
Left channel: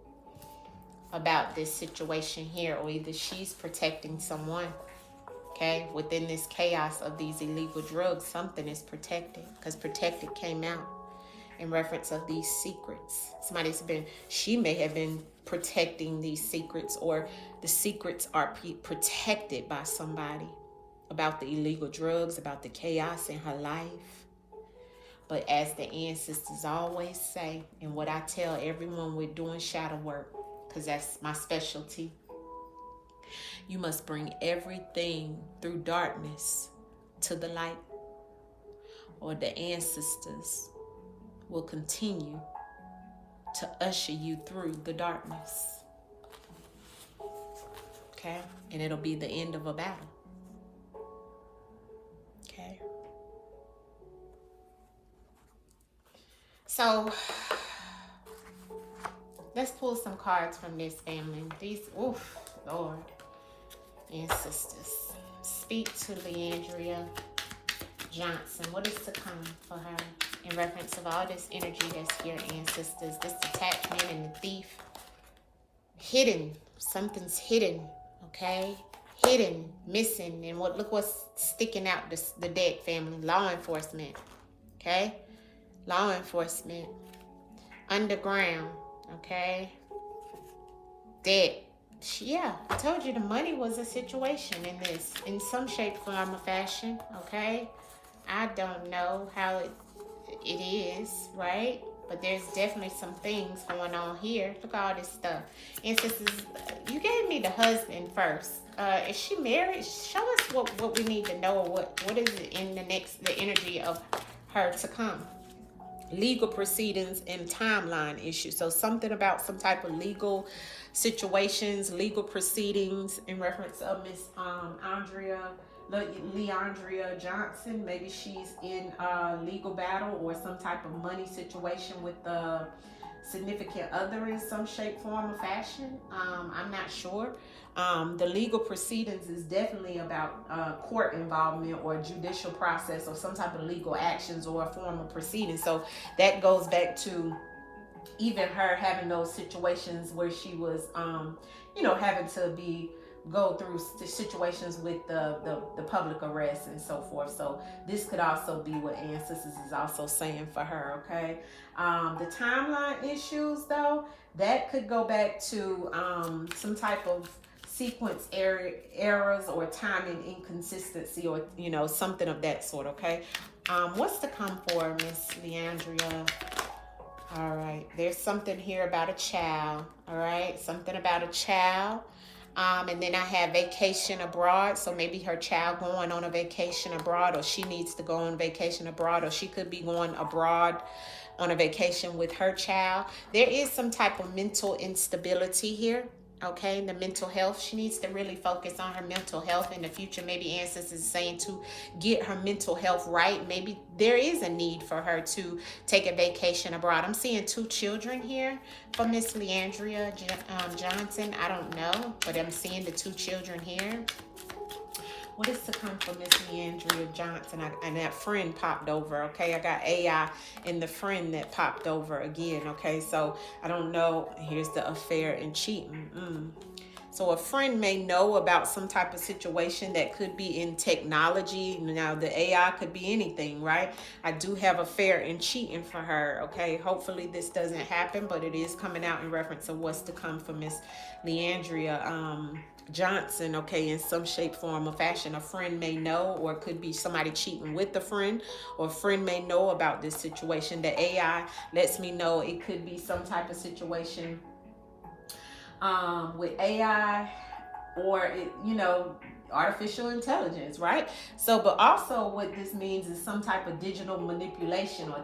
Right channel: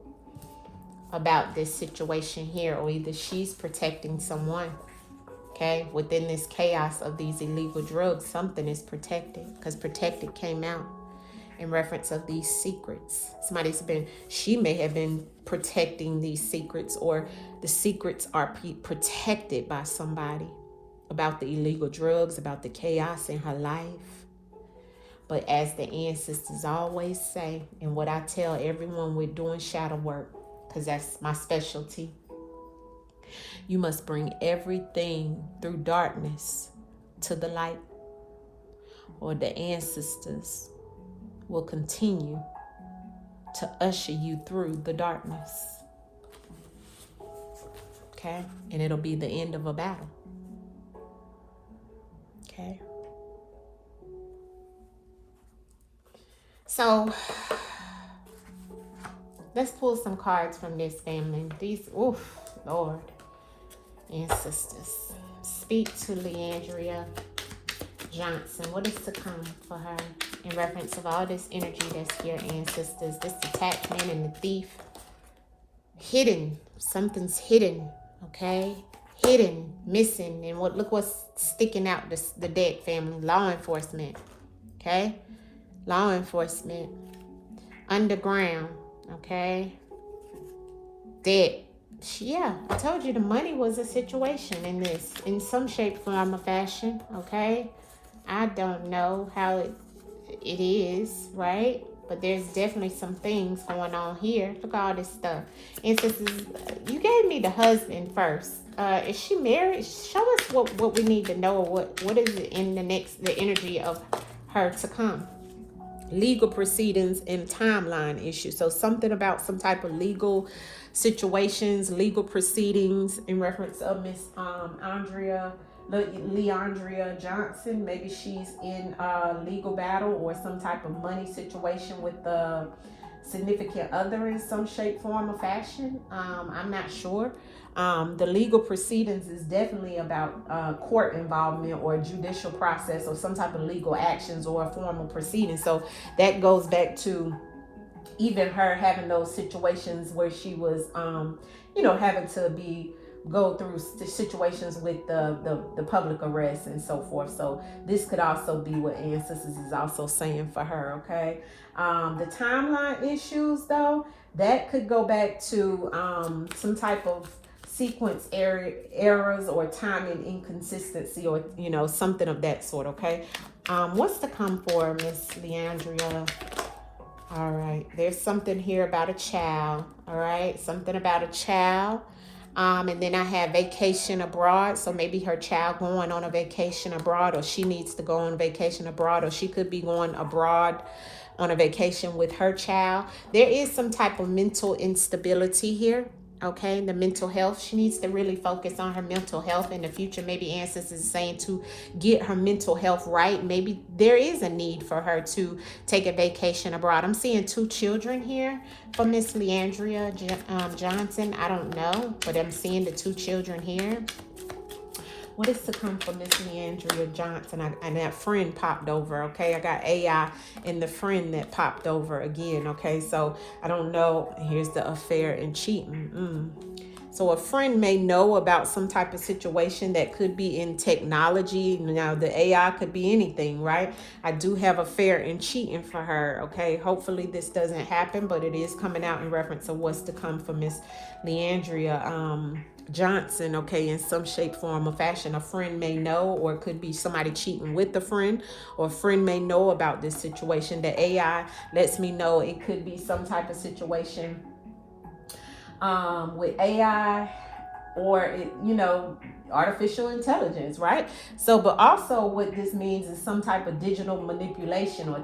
about this situation here, or either she's protecting someone. Okay, within this chaos of these illegal drugs, something is protected, because protected came out in reference of these secrets. She may have been protecting these secrets, or the secrets are protected by somebody, about the illegal drugs, about the chaos in her life. But as the ancestors always say, and what I tell everyone with doing shadow work, because that's my specialty, you must bring everything through darkness to the light, or the ancestors will continue to usher you through the darkness. Okay? And it'll be the end of a battle. Okay. So let's pull some cards from this, family. These, oof, Lord, ancestors, speak to Leandria Johnson. What is to come for her in reference of all this energy that's here, ancestors? This attachment and the thief. Hidden. Something's hidden. Okay. Hidden, missing, and look what's sticking out the deck, family. Law enforcement. Okay, law enforcement, underground. Okay, debt. Yeah, I told you the money was a situation in this, in some shape, form, or fashion. Okay, I don't know how it is, right? But there's definitely some things going on here. Look at all this stuff. Ancestors, you gave me the husband first. Is she married? Show us what we need to know. What is it in the energy of her to come? Legal proceedings and timeline issues. So something about some type of legal situations, legal proceedings in reference of Miss Leandria Johnson. Maybe she's in a legal battle or some type of money situation with the significant other in some shape, form, or fashion. I'm not sure. The legal proceedings is definitely about court involvement or judicial process or some type of legal actions or formal proceedings. So that goes back to even her having those situations where she was, having to go through situations with the public arrest and so forth. So this could also be what ancestors is also saying for her. Okay. The timeline issues, though, that could go back to some type of sequence errors or timing inconsistency, or something of that sort. Okay, what's to come for Miss Leandria? All right, there's something here about a child. All right, something about a child. And then I have vacation abroad. So maybe her child going on a vacation abroad, or she needs to go on vacation abroad, or she could be going abroad on a vacation with her child. There is some type of mental instability here. Okay, the mental health. She needs to really focus on her mental health in the future. Maybe Ancestors is saying to get her mental health right. Maybe there is a need for her to take a vacation abroad. I'm seeing 2 children here for Miss Leandria Johnson. I don't know, but I'm seeing the 2 children here. What is to come for Miss Leandria Johnson? And that friend popped over, okay? I got AI and the friend that popped over again, okay? So I don't know. Here's the affair and cheating. So a friend may know about some type of situation that could be in technology. Now, the AI could be anything, right? I do have affair and cheating for her, okay? Hopefully this doesn't happen, but it is coming out in reference of what's to come for Miss Leandria Johnson, okay, in some shape, form, or fashion. A friend may know, or it could be somebody cheating with the friend, or a friend may know about this situation. The AI lets me know it could be some type of situation with AI, or artificial intelligence, right? So, but also what this means is some type of digital manipulation or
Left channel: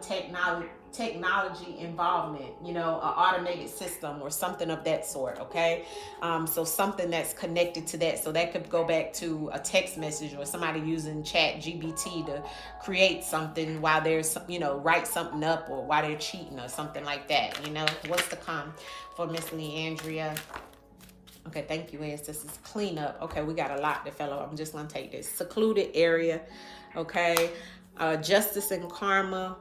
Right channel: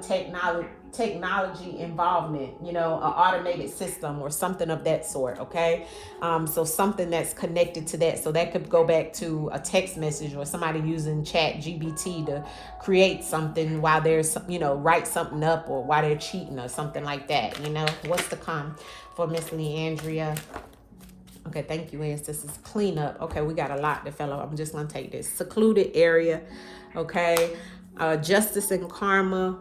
technology involvement, an automated system or something of that sort, okay? So something that's connected to that. So that could go back to a text message, or somebody using Chat GBT to create something while there's, write something up, or while they're cheating or something like that, What's to come for Miss Leandria? Okay, thank you, Liz. This is cleanup. Okay, we got a lot to fill up. I'm just going to take this. Secluded area. Okay. Justice and karma.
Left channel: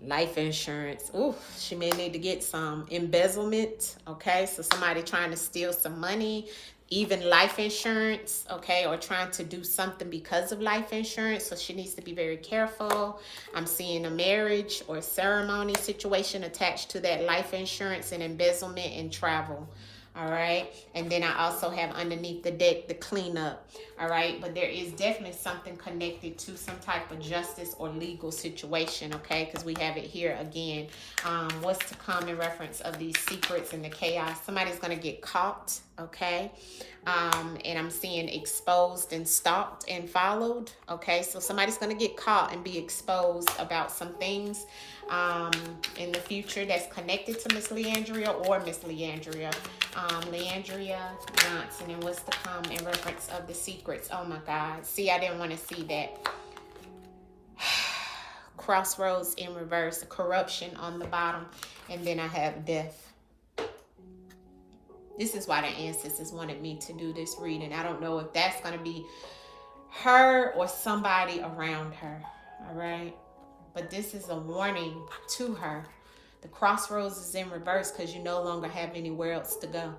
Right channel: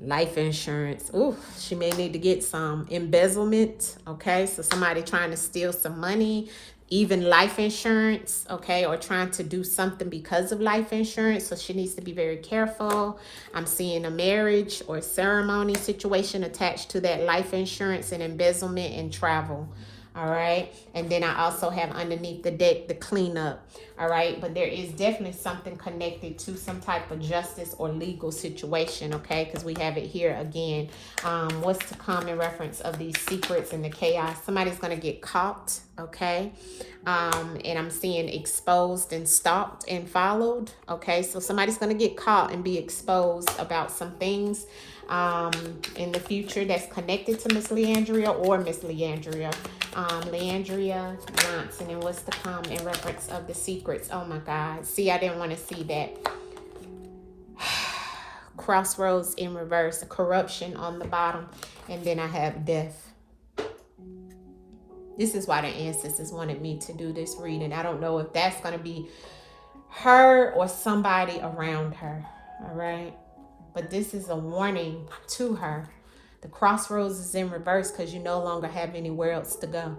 Life insurance. Ooh, she may need to get some embezzlement. Okay, so somebody trying to steal some money. Even life insurance, okay, or trying to do something because of life insurance. So she needs to be very careful. I'm seeing a marriage or ceremony situation attached to that life insurance, and embezzlement and travel. All right. And then I also have underneath the deck the cleanup. All right. But there is definitely something connected to some type of justice or legal situation. Okay. Because we have it here again. What's to come in reference of these secrets and the chaos? Somebody's going to get caught. Okay. And I'm seeing exposed and stalked and followed. Okay. So somebody's going to get caught and be exposed about some things in the future that's connected to Miss Leandria or Miss Leandria. Leandria Johnson, and what's to come in reference of the secrets. Oh my God. See, I didn't want to see that. Crossroads in reverse, corruption on the bottom, and then I have death. This is why the ancestors wanted me to do this reading. I don't know if that's going to be her or somebody around her. All right. But this is a warning to her. The crossroads is in reverse because you no longer have anywhere else to go.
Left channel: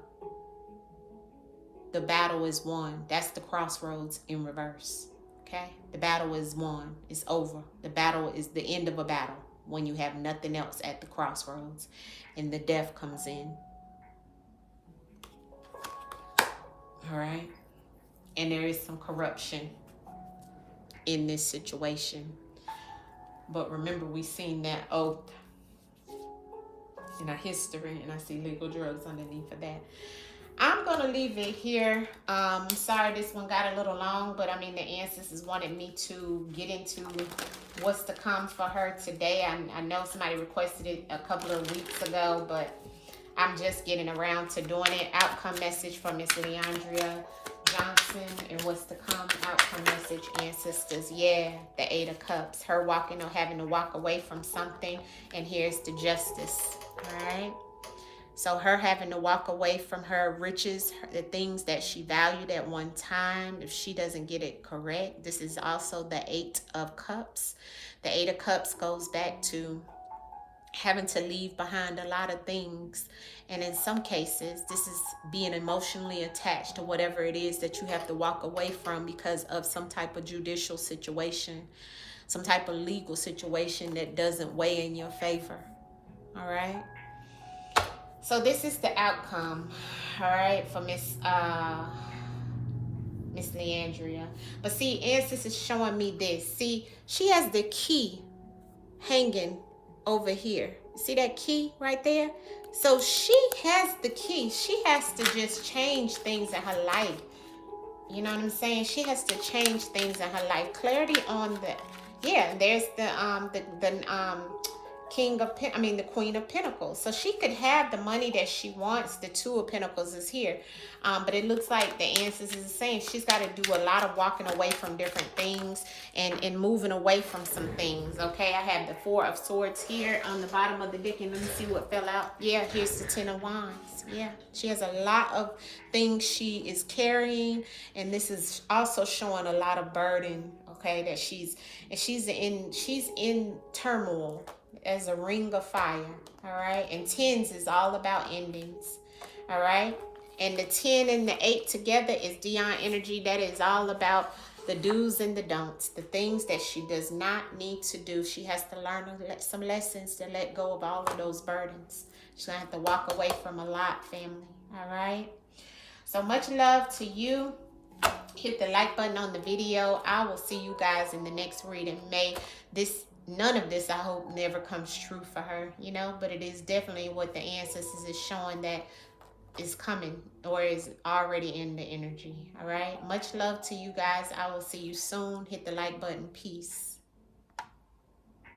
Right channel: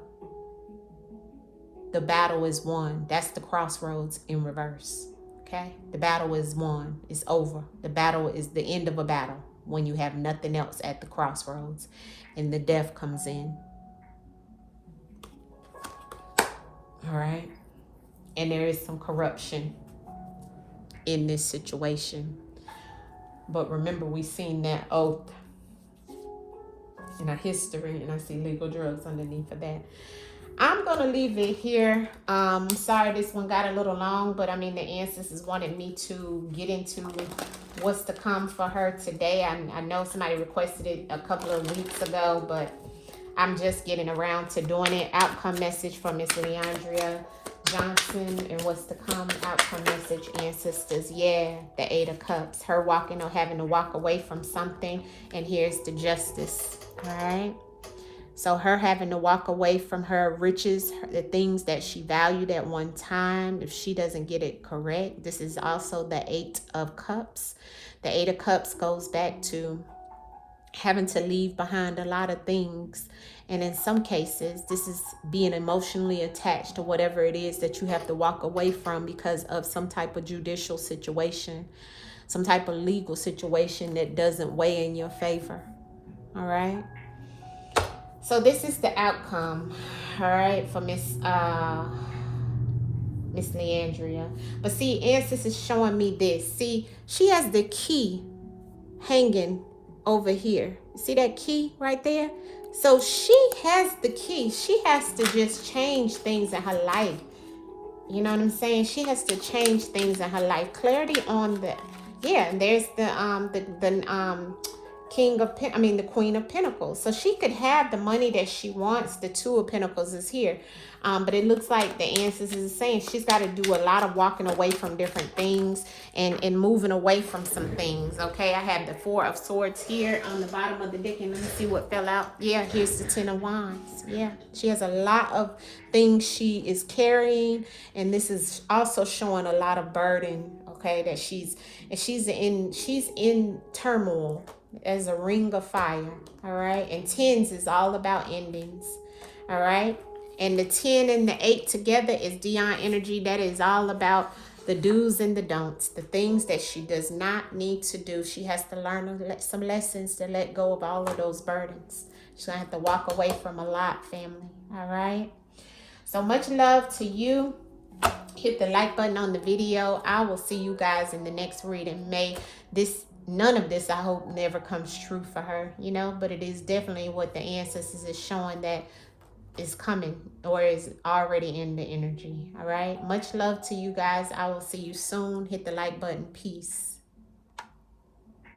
The battle is won. That's the crossroads in reverse. Okay? The battle is won. It's over. The battle is the end of a battle when you have nothing else at the crossroads and the death comes in. All right? And there is some corruption in this situation. But remember, we've seen that oath in our history, and I see legal drugs underneath of that. I'm going to leave it here. Sorry this one got a little long, but I mean, the ancestors wanted me to get into what's to come for her today. I know somebody requested it a couple of weeks ago, but I'm just getting around to doing it. Outcome message from Miss Leandria Johnson, and what's to come. Outcome message, ancestors. Yeah, the 8 of Cups. Her walking or having to walk away from something, and here's the Justice. All right. So her having to walk away from her riches, the things that she valued at one time, if she doesn't get it correct. This is also the 8 of Cups. The 8 of Cups goes back to having to leave behind a lot of things. And in some cases, this is being emotionally attached to whatever it is that you have to walk away from because of some type of judicial situation. some type of legal situation that doesn't weigh in your favor. All right. So this is the outcome, all right, for Miss Leandria. But see, Answers is showing me this. See, she has the key hanging over here. See that key right there? So she has the key. She has to just change things in her life. You know what I'm saying? She has to change things in her life. Clarity on the, yeah, there's the the Queen of Pentacles. So she could have the money that she wants. The Two of Pentacles is here. But it looks like the Answers is saying she's got to do a lot of walking away from different things and moving away from some things. Okay, I have the Four of Swords here on the bottom of the deck, and let me see what fell out. Yeah, here's the Ten of Wands. Yeah, she has a lot of things she is carrying, and this is also showing a lot of burden. Okay, that she's in turmoil as a ring of fire. All right, and tens is all about endings. All right. And the 10 and the 8 together is Dion energy. That is all about the do's and the don'ts, the things that she does not need to do. She has to learn some lessons to let go of all of those burdens. She's going to have to walk away from a lot, family. All right. So much love to you. Hit the like button on the video. I will see you guys in the next reading. None of this, I hope, never comes true for her, you know, but it is definitely what the Ancestors is showing that is coming or is already in the energy. All right. Much love to you guys. I will see you soon. Hit the like button. Peace.